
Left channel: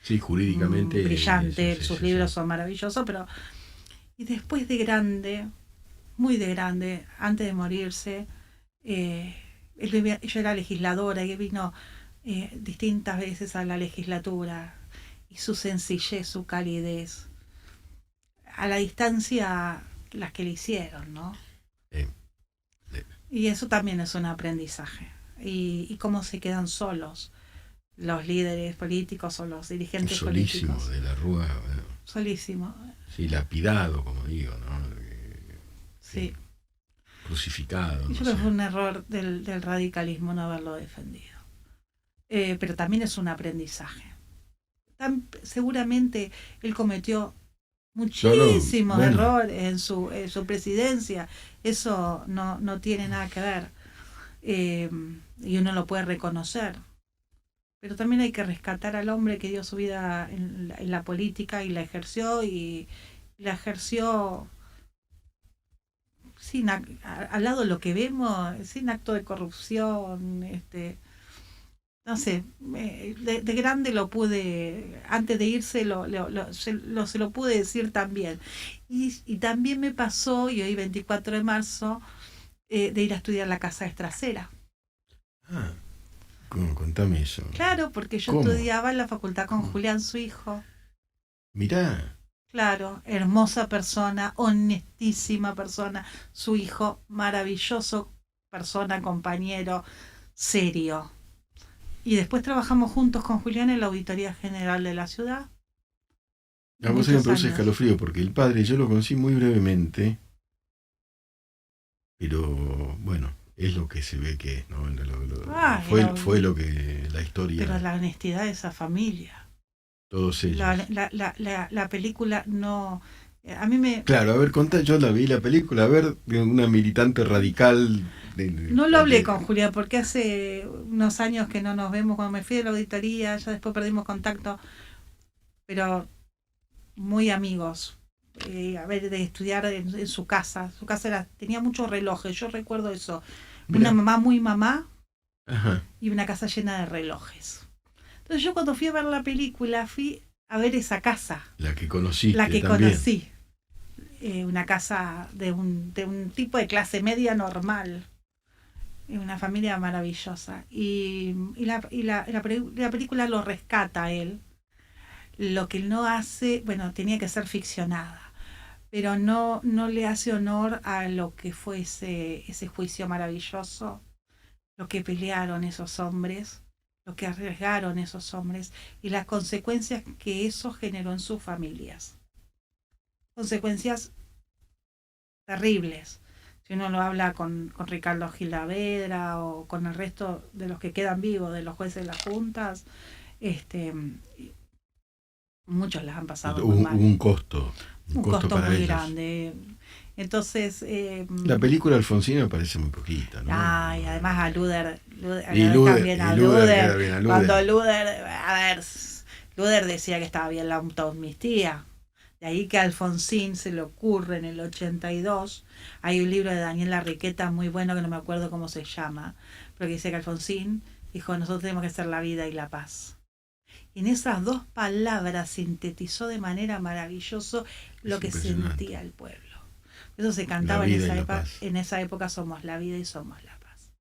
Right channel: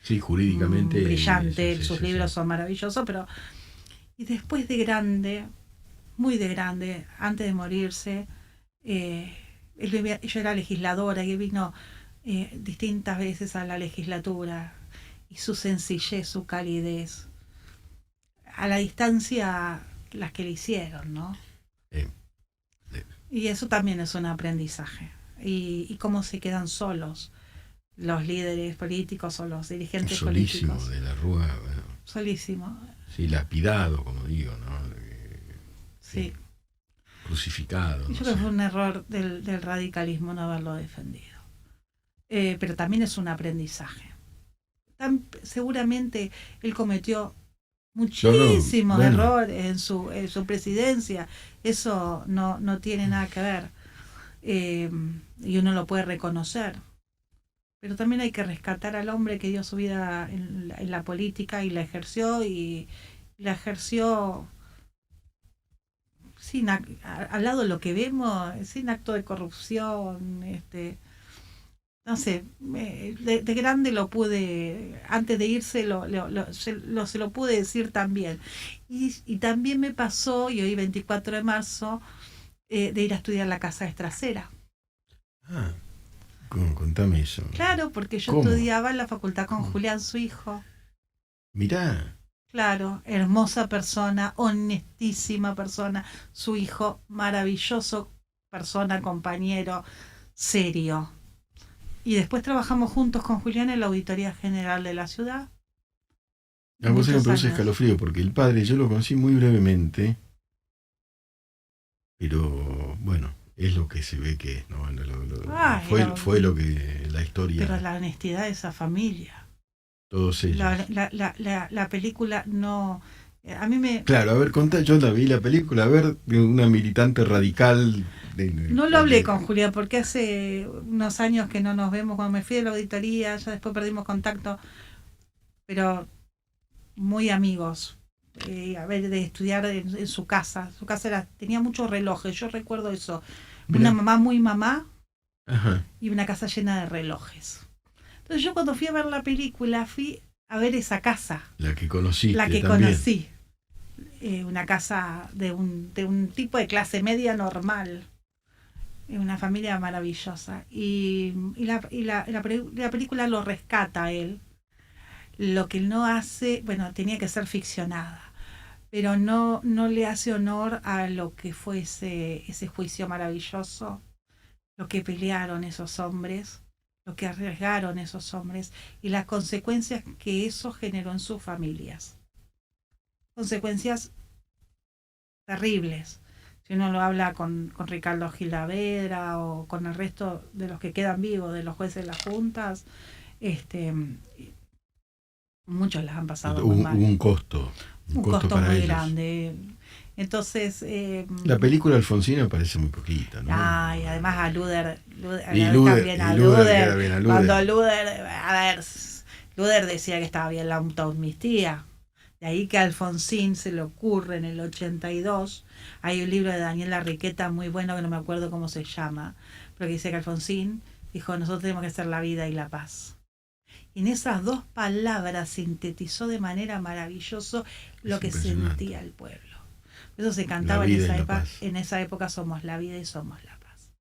sí, jurídicamente muy eso, brillante, sí, sus sí, sí. libros son maravillosos, pero y después de grande, muy de grande, antes de morirse, eh, yo era legisladora y vino distintas veces a la legislatura y su sencillez, su calidez, a la distancia las que le hicieron, ¿no? Eh, eh, Y eso también es un aprendizaje. Y cómo se quedan solos los líderes políticos o los dirigentes Solísimo políticos. de la Rúa, bueno, Solísimo, sí, lapidado, como digo, ¿no? sí. Sí, crucificado, Y no yo creo sé. que fue un error del radicalismo no haberlo defendido. Pero también es un aprendizaje. Seguramente él cometió No, no, muchísimos bueno, errores en su presidencia. Eso no tiene nada que ver. Eh, y uno lo puede reconocer. Pero también hay que rescatar al hombre que dio su vida en la política y y la ejerció sin al lado de lo que vemos, sin acto de corrupción, no sé, de grande lo pude, antes de irse se lo pude decir también. Y también me pasó, y hoy 24 de marzo, de ir a estudiar la casa Estracera. ah, contame eso. Claro, porque yo ¿Cómo? estudiaba en la facultad con ¿Cómo? Julián, su hijo. Mirá, Claro, hermosa persona, honestísima persona, su hijo maravilloso persona, compañero, serio. Y después trabajamos juntos con Julián en la Auditoría General de la ciudad, a vos se me muchos produce años. escalofrío porque el padre yo lo conocí muy brevemente, pero bueno, es lo que se ve que es, ¿no? Ah, Fue lo que la pero historia, la honestidad de esa familia. todos ellos. La película no... A mí me... Claro, a ver, contá, yo la vi la película, a ver, de una militante radical No lo hablé con Julián porque hace unos años que no nos vemos cuando me fui de la auditoría, ya después perdimos contacto, pero muy amigos. A ver, de estudiar en su casa. Su casa tenía muchos relojes, yo recuerdo eso. Una Mirá, mamá muy mamá ajá, y una casa llena de relojes. Entonces yo cuando fui a ver la película fui a ver esa casa, la que la conociste que también. conocí. Una casa de un tipo de clase media normal, una familia maravillosa. La película lo rescata a él. Lo que él no hace, bueno, tenía que ser ficcionada, pero no le hace honor a lo que fue ese juicio maravilloso, lo que pelearon esos hombres, lo que arriesgaron esos hombres y las consecuencias que eso generó en sus familias. Consecuencias terribles. Si uno lo habla con Ricardo Gilavedra o con el resto de los que quedan vivos, de los jueces de las juntas, este, muchos las han pasado muy Hubo mal. un Un costo costo para muy ellos. grande. Entonces, La película Alfonsina me parece muy poquita, ¿no? ay, además a Y también a Luder queda Luder, bien, a cuando Luder. Luder, a ver, Luder decía que estaba bien la autoamnistía. De ahí que a Alfonsín se le ocurre en el 82, hay un libro de Daniela Riqueta muy bueno que no me acuerdo cómo se llama, pero que dice que Alfonsín dijo, nosotros tenemos que hacer la vida y la paz. Y en esas dos palabras sintetizó de manera maravillosa Es lo que impresionante. sentía el pueblo. Eso se La cantaba vida y la paz. en esa época somos la vida y somos la paz.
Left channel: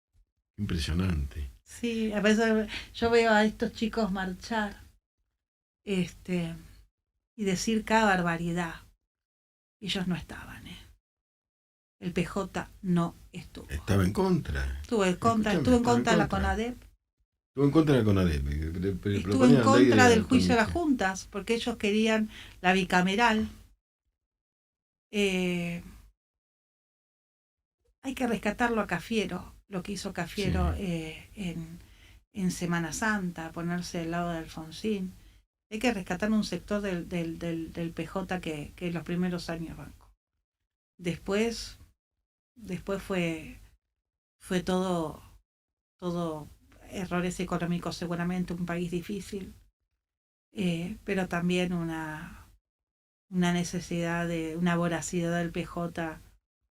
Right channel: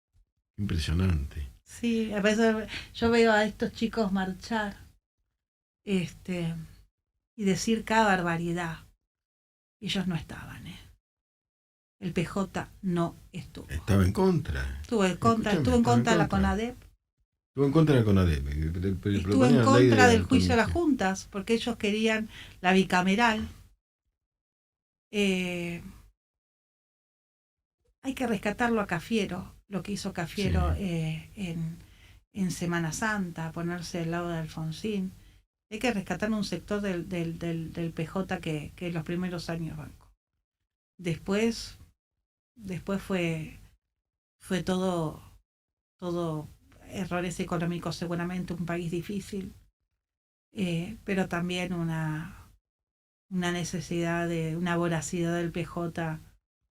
Impresionante. Sí, a veces yo veo a estos chicos marchar este, y decir cada barbaridad. Ellos no estaban, ¿eh? El PJ no estuvo. Estaba en contra. Escúchame, Estuvo en estaba en contra de la contra. CONADEP, Estuvo en contra de la CONADEP. estuvo en Proponían la ley contra de del juicio de las autonomía. juntas, porque ellos querían la bicameral. Eh, Hay que rescatarlo a Cafiero, lo que hizo Sí. Cafiero en Semana Santa, ponerse al lado de Alfonsín. Hay que rescatar un sector del PJ que en los primeros años bancó. Después, fue todo errores económicos, seguramente un país difícil, pero también una necesidad una voracidad del PJ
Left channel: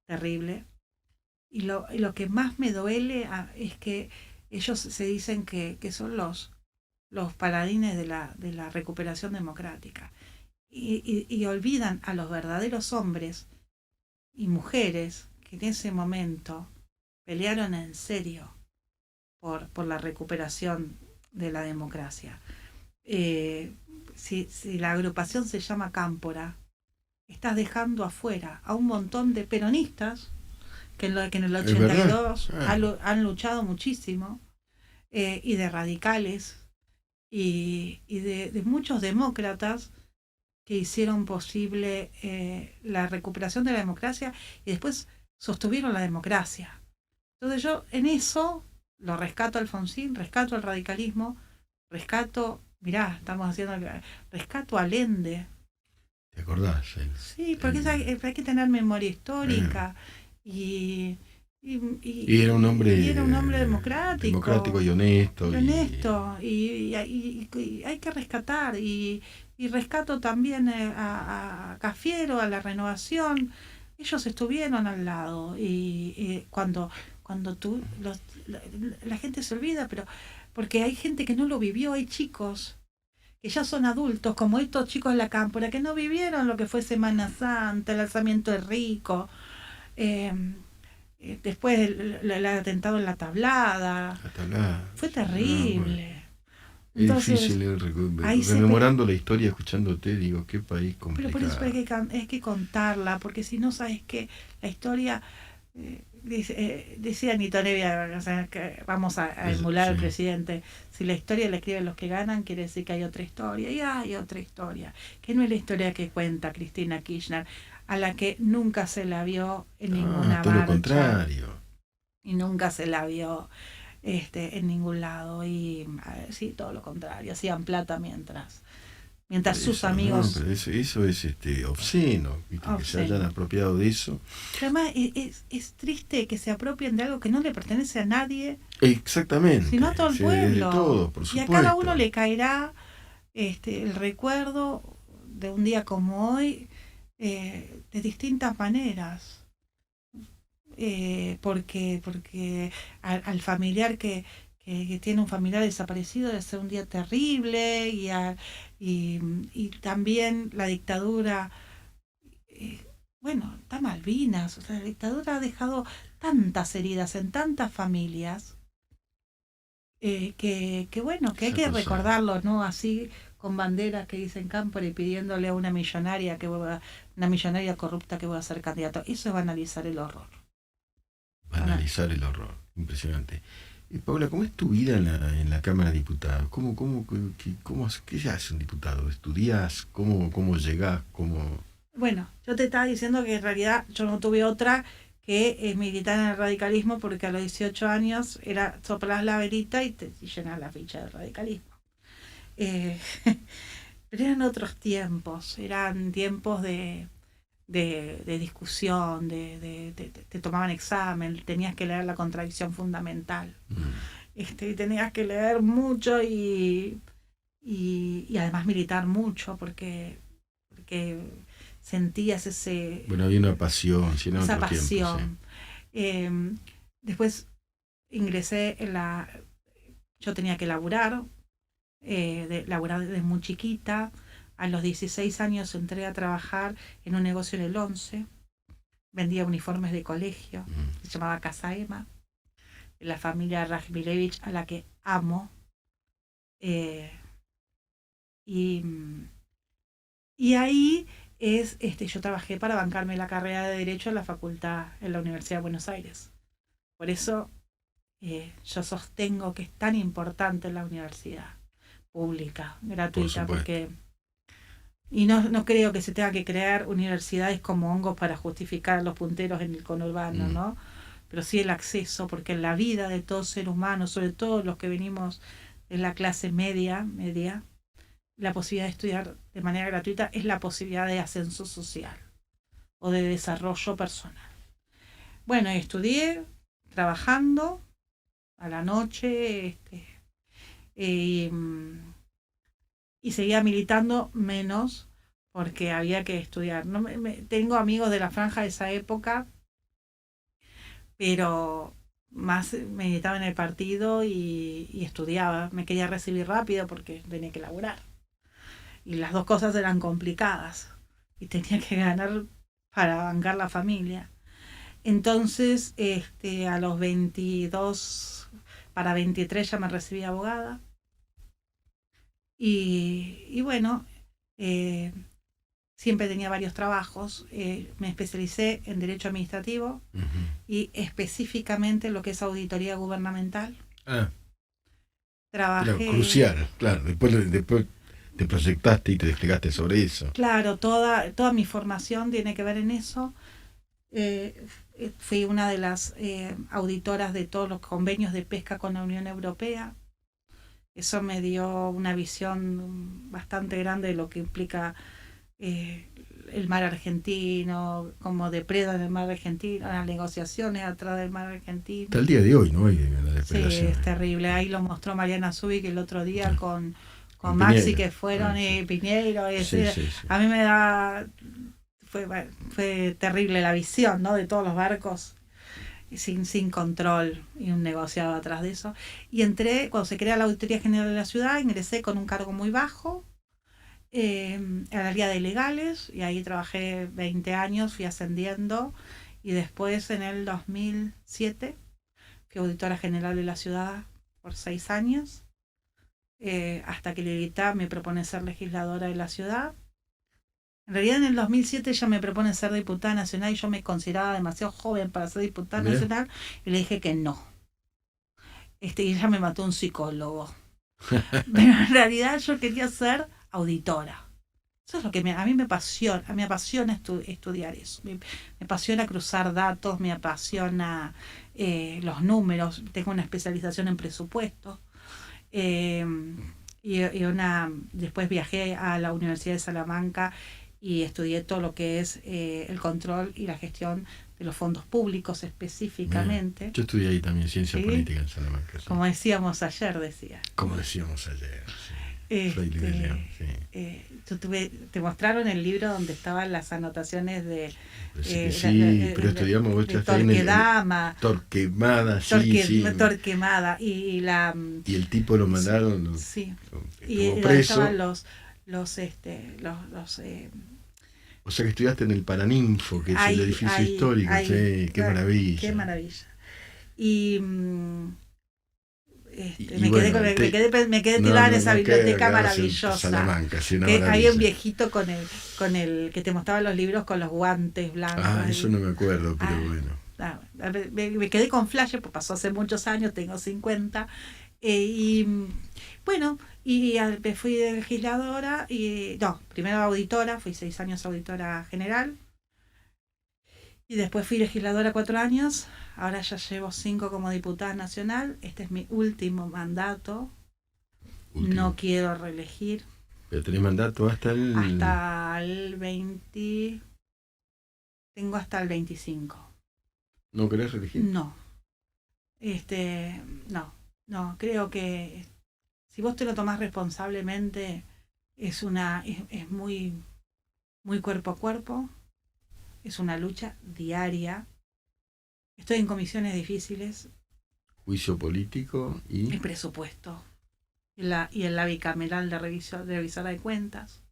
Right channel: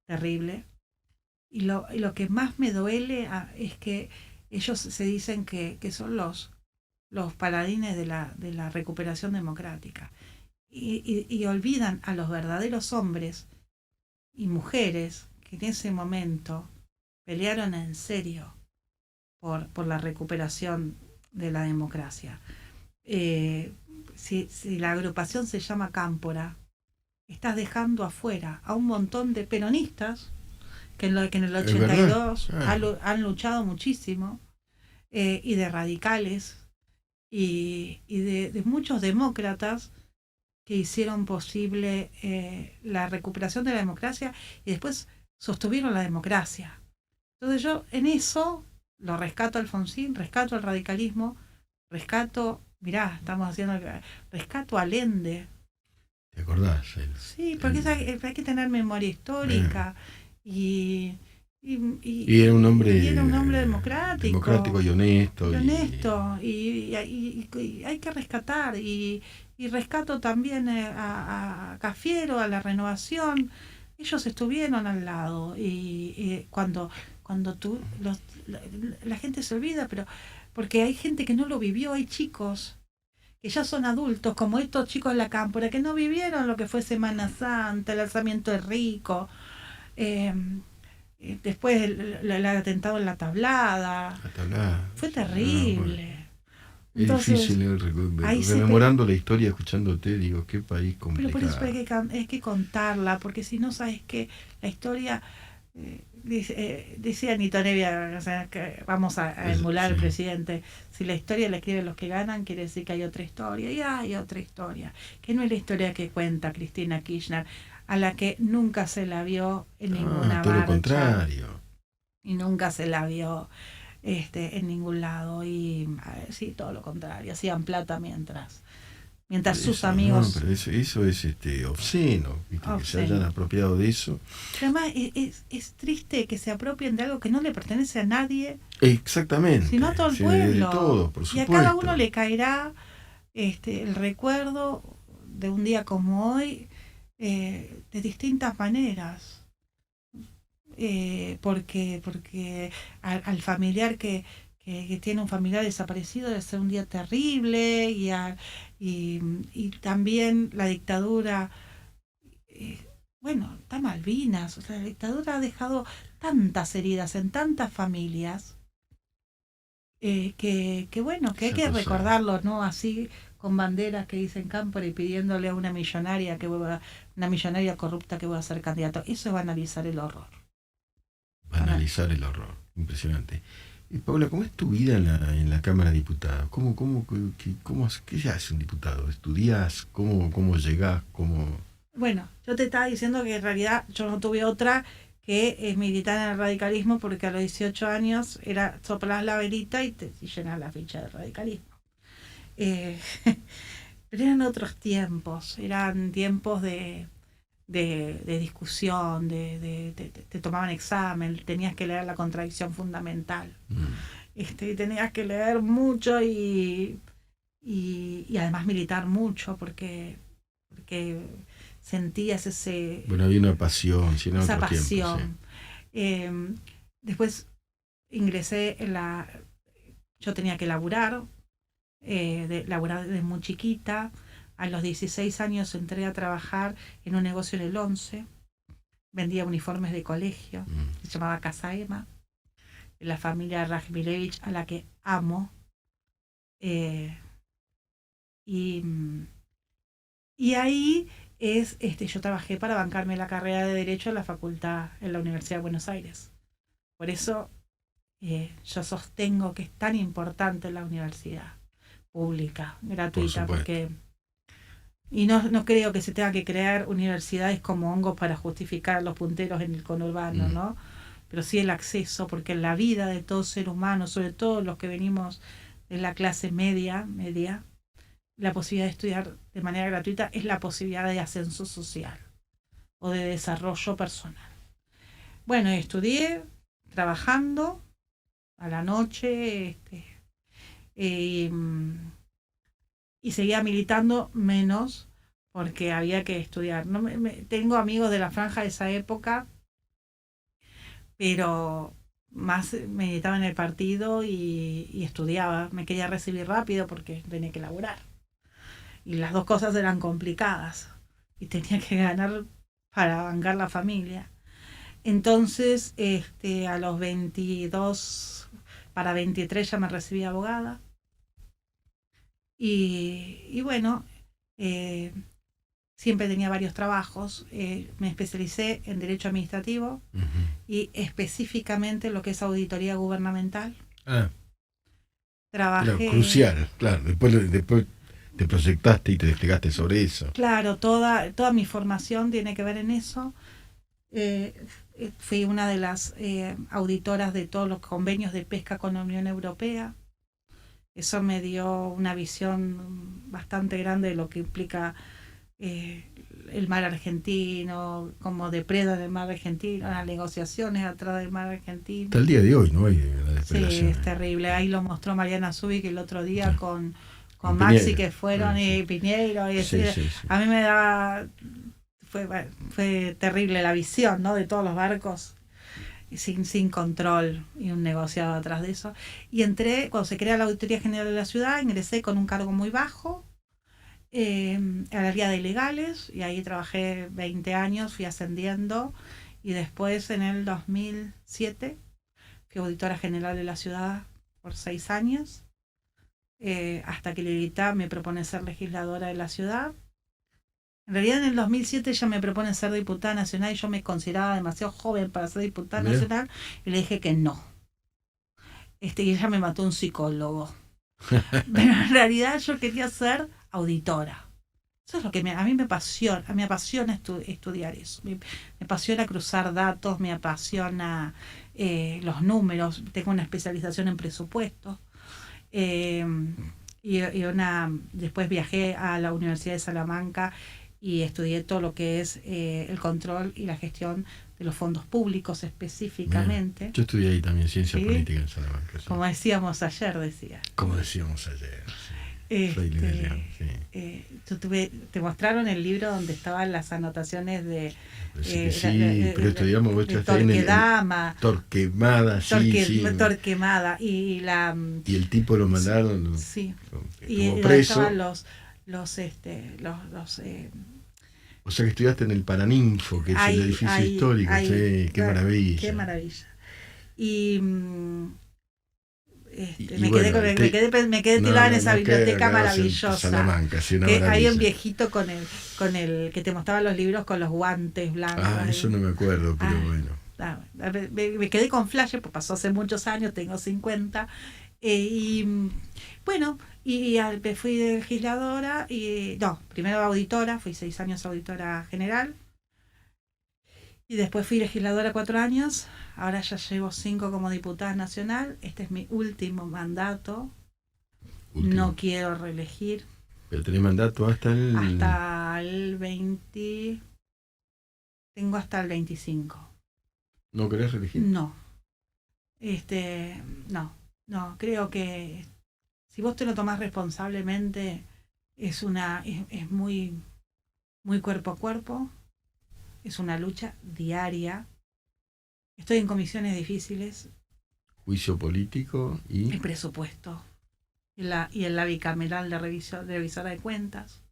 terrible. Y lo que más me duele es que ellos se dicen que son los paladines de la recuperación democrática. Y olvidan a los verdaderos hombres y mujeres que en ese momento pelearon en serio por la recuperación de la democracia. Si la agrupación se llama Cámpora, estás dejando afuera a un montón de peronistas que en el 82 han luchado muchísimo, y de radicales, y de muchos demócratas que hicieron posible la recuperación de la democracia y después sostuvieron la democracia. Entonces yo en eso lo rescato a Alfonsín, rescato al radicalismo, rescato a Allende. ¿Te acordás? Sí, porque hay que tener memoria histórica y era un hombre, democrático y honesto. Y hay que rescatar. Y rescato también a Cafiero, a la Renovación. Ellos estuvieron al lado. Y cuando la gente se olvida, pero porque hay gente que no lo vivió, hay chicos que ya son adultos, como estos chicos de la Cámpora, que no vivieron lo que fue Semana Santa, el alzamiento de Rico. Después el atentado en la Tablada. Fue terrible. Entonces, es difícil rememorando la historia, escuchándote, digo, qué país complicado. Pero por eso hay que contarla, porque si no, sabes que la historia, decía Nito Nevia, o sea, que vamos a emular al presidente, si la historia la escriben los que ganan, quiere decir que hay otra historia, y hay otra historia, que no es la historia que cuenta Cristina Kirchner, a la que nunca se la vio en ninguna todo marcha. Lo contrario. Y nunca se la vio en ningún lado. Y sí, todo lo contrario. Hacían plata mientras sus amigos... No, pero eso es obsceno, ¿viste? Que se hayan apropiado de eso. Además, es triste que se apropien de algo que no le pertenece a nadie. Exactamente. Sino a todo el pueblo. De todo, por supuesto. Y a cada uno le caerá el recuerdo de un día como hoy, de distintas maneras, porque al familiar que tiene un familiar desaparecido debe ser un día terrible, y también la dictadura, está Malvinas, o sea, la dictadura ha dejado tantas heridas en tantas familias, que hay que recordarlo, ¿no? Así, con banderas que dicen Cámpora y pidiéndole a una millonaria corrupta que va a ser candidato. Eso es banalizar el horror. Banalizar el horror, impresionante. Paula, ¿cómo es tu vida en la Cámara de Diputados? ¿Qué hace un diputado? ¿Estudias? ¿Cómo llegás? Bueno, yo te estaba diciendo que en realidad yo no tuve otra que militar en el radicalismo, porque a los 18 años era soplar la velita y llenar la ficha del radicalismo. Pero eran otros tiempos, eran tiempos de discusión, te tomaban examen, tenías que leer la contradicción fundamental, tenías que leer mucho y además militar mucho, porque sentías ese... Bueno, había una pasión, esa pasión. Tiempo, sí. Después ingresé yo tenía que laburar, laburar desde muy chiquita. A los 16 años entré a trabajar en un negocio en el 11. Vendía uniformes de colegio. Se llamaba Casa Ema. La familia Rajmilevich, a la que amo. Y ahí yo trabajé para bancarme la carrera de Derecho en la facultad, en la Universidad de Buenos Aires. Por eso yo sostengo que es tan importante la universidad pública, gratuita, porque... Y no creo que se tenga que crear universidades como hongos para justificar a los punteros en el conurbano, ¿no? Pero sí el acceso, porque en la vida de todo ser humano, sobre todo los que venimos de la clase media, la posibilidad de estudiar de manera gratuita es la posibilidad de ascenso social. o de desarrollo personal. Bueno, estudié trabajando a la noche y seguía militando menos porque había que estudiar. No tengo amigos de la franja de esa época, pero más militaba en el partido y estudiaba. Me quería recibir rápido porque tenía que laburar. Y las dos cosas eran complicadas. Y tenía que ganar para bancar la familia. Entonces, a los 22, para 23 ya me recibí abogada. Y bueno, siempre tenía varios trabajos. Me especialicé en Derecho Administrativo y específicamente lo que es auditoría gubernamental. Trabajé. Claro, crucial, claro. Después te proyectaste y te desplegaste sobre eso. Claro, toda mi formación tiene que ver en eso. Fui una de las auditoras de todos los convenios de pesca con la Unión Europea. Eso me dio una visión bastante grande de lo que implica el mar argentino, cómo depredan el mar argentino, las negociaciones atrás del mar argentino. Hasta el día de hoy, ¿no? Hay la depredación. Sí, es terrible. Ahí lo mostró Mariana Zubik el otro día con Maxi, que fueron, y Piñeiro. Sí. A mí me da... Fue terrible la visión, ¿no?, de todos los barcos sin control y un negociado atrás de eso. Y entré, cuando se crea la Auditoría General de la Ciudad, ingresé con un cargo muy bajo al área de legales, y ahí trabajé 20 años, fui ascendiendo, y después en el 2007 fui auditora general de la ciudad por 6 años, hasta que Lilita me propone ser legisladora de la ciudad. En realidad en el 2007 ella me propone ser diputada nacional y yo me consideraba demasiado joven para ser diputada nacional, y le dije que no. Y ella me mató un psicólogo. Pero en realidad yo quería ser auditora. Eso es lo que a mí me apasiona estudiar eso. Me apasiona cruzar datos, me apasiona los números. Tengo una especialización en presupuesto. Después viajé a la Universidad de Salamanca y estudié todo lo que es el control y la gestión de los fondos públicos específicamente. Bien. Yo estudié ahí también ciencia política en Salamanca. Sí. Como decíamos ayer, Como decíamos ayer, sí. Te mostraron el libro donde estaban las anotaciones de... pero estudiamos vos Torquemada. Torquemada, y el tipo lo mandaron. Sí. Estuvo preso. Estaban los o sea que estudiaste en el Paraninfo, que es el edificio histórico. Sí, qué maravilla. Qué maravilla. Y me quedé tirada en esa biblioteca maravillosa. Salamanca, sí, una maravilla. Había un viejito con el que te mostraba los libros con los guantes blancos. Eso no me acuerdo, pero bueno. Me quedé con flash, pues pasó hace muchos años, tengo 50. Y bueno, y fui de legisladora, primero auditora, fui 6 años auditora general, y después fui legisladora 4 años, ahora ya llevo 5 como diputada nacional, este es mi último mandato, no quiero reelegir. ¿Pero tenés mandato hasta el...? Hasta el 20... Tengo hasta el 25. ¿No querés reelegir? No. No, creo que si vos te lo tomás responsablemente, es muy, muy cuerpo a cuerpo, es una lucha diaria. Estoy en comisiones difíciles. Juicio político y... El presupuesto. Y en la bicameral de revisora de cuentas,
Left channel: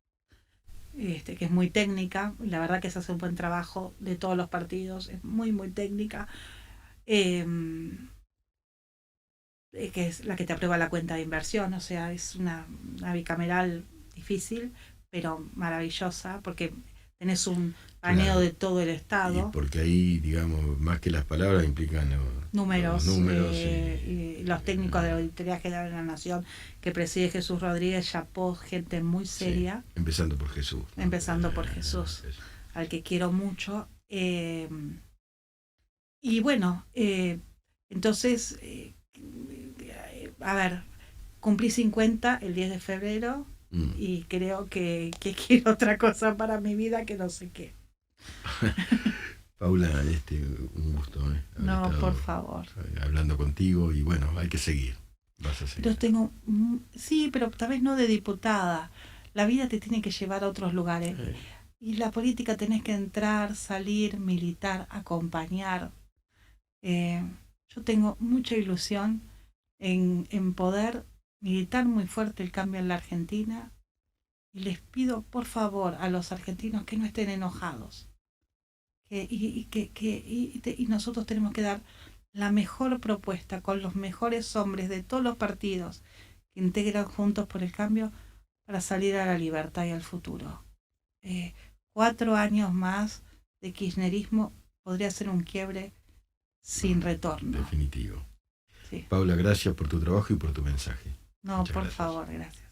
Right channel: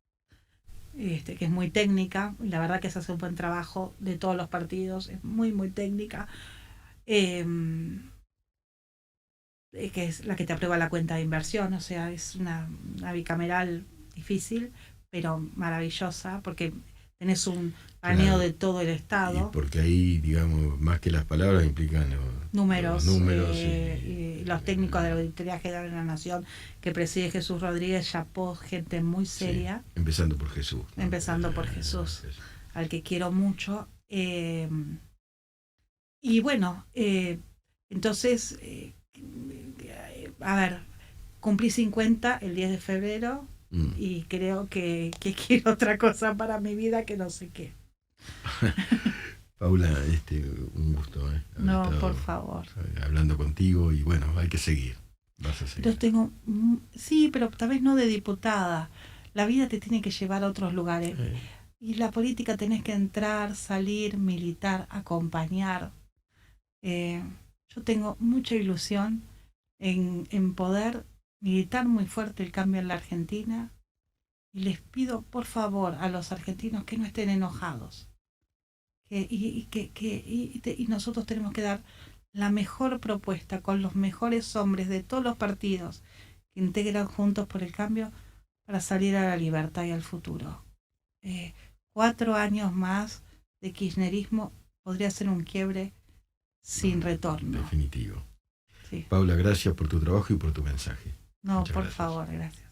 que es muy técnica. La verdad que se hace un buen trabajo de todos los partidos, es muy, muy técnica. Que es la que te aprueba la cuenta de inversión, o sea, es una bicameral difícil, pero maravillosa, porque tenés un paneo de todo el Estado. Y porque ahí, digamos, más que las palabras implican números y los técnicos de la Auditoría General de la Nación que preside Jesús Rodríguez, chapó, gente muy seria. Sí, empezando por Jesús. ¿No? Empezando por Jesús, al que quiero mucho. Y bueno, entonces... cumplí 50 el 10 de febrero y creo que quiero otra cosa para mi vida que no sé qué. Paula, un gusto, haber No, estado por favor. hablando contigo y bueno, hay que seguir. Vas a seguir. Yo tengo, sí, pero tal vez no de diputada. La vida te tiene que llevar a otros lugares. Y la política tenés que entrar, salir, militar, acompañar. Yo tengo mucha ilusión en poder militar muy fuerte el cambio en la Argentina. Y les pido, por favor, a los argentinos que no estén enojados. Y nosotros tenemos que dar la mejor propuesta con los mejores hombres de todos los partidos que integran Juntos por el Cambio para salir a la libertad y al futuro. 4 años más de kirchnerismo podría ser un quiebre sin retorno. Definitivo. Sí. Paula, gracias por tu trabajo y por tu mensaje. No, Muchas por gracias. favor, gracias.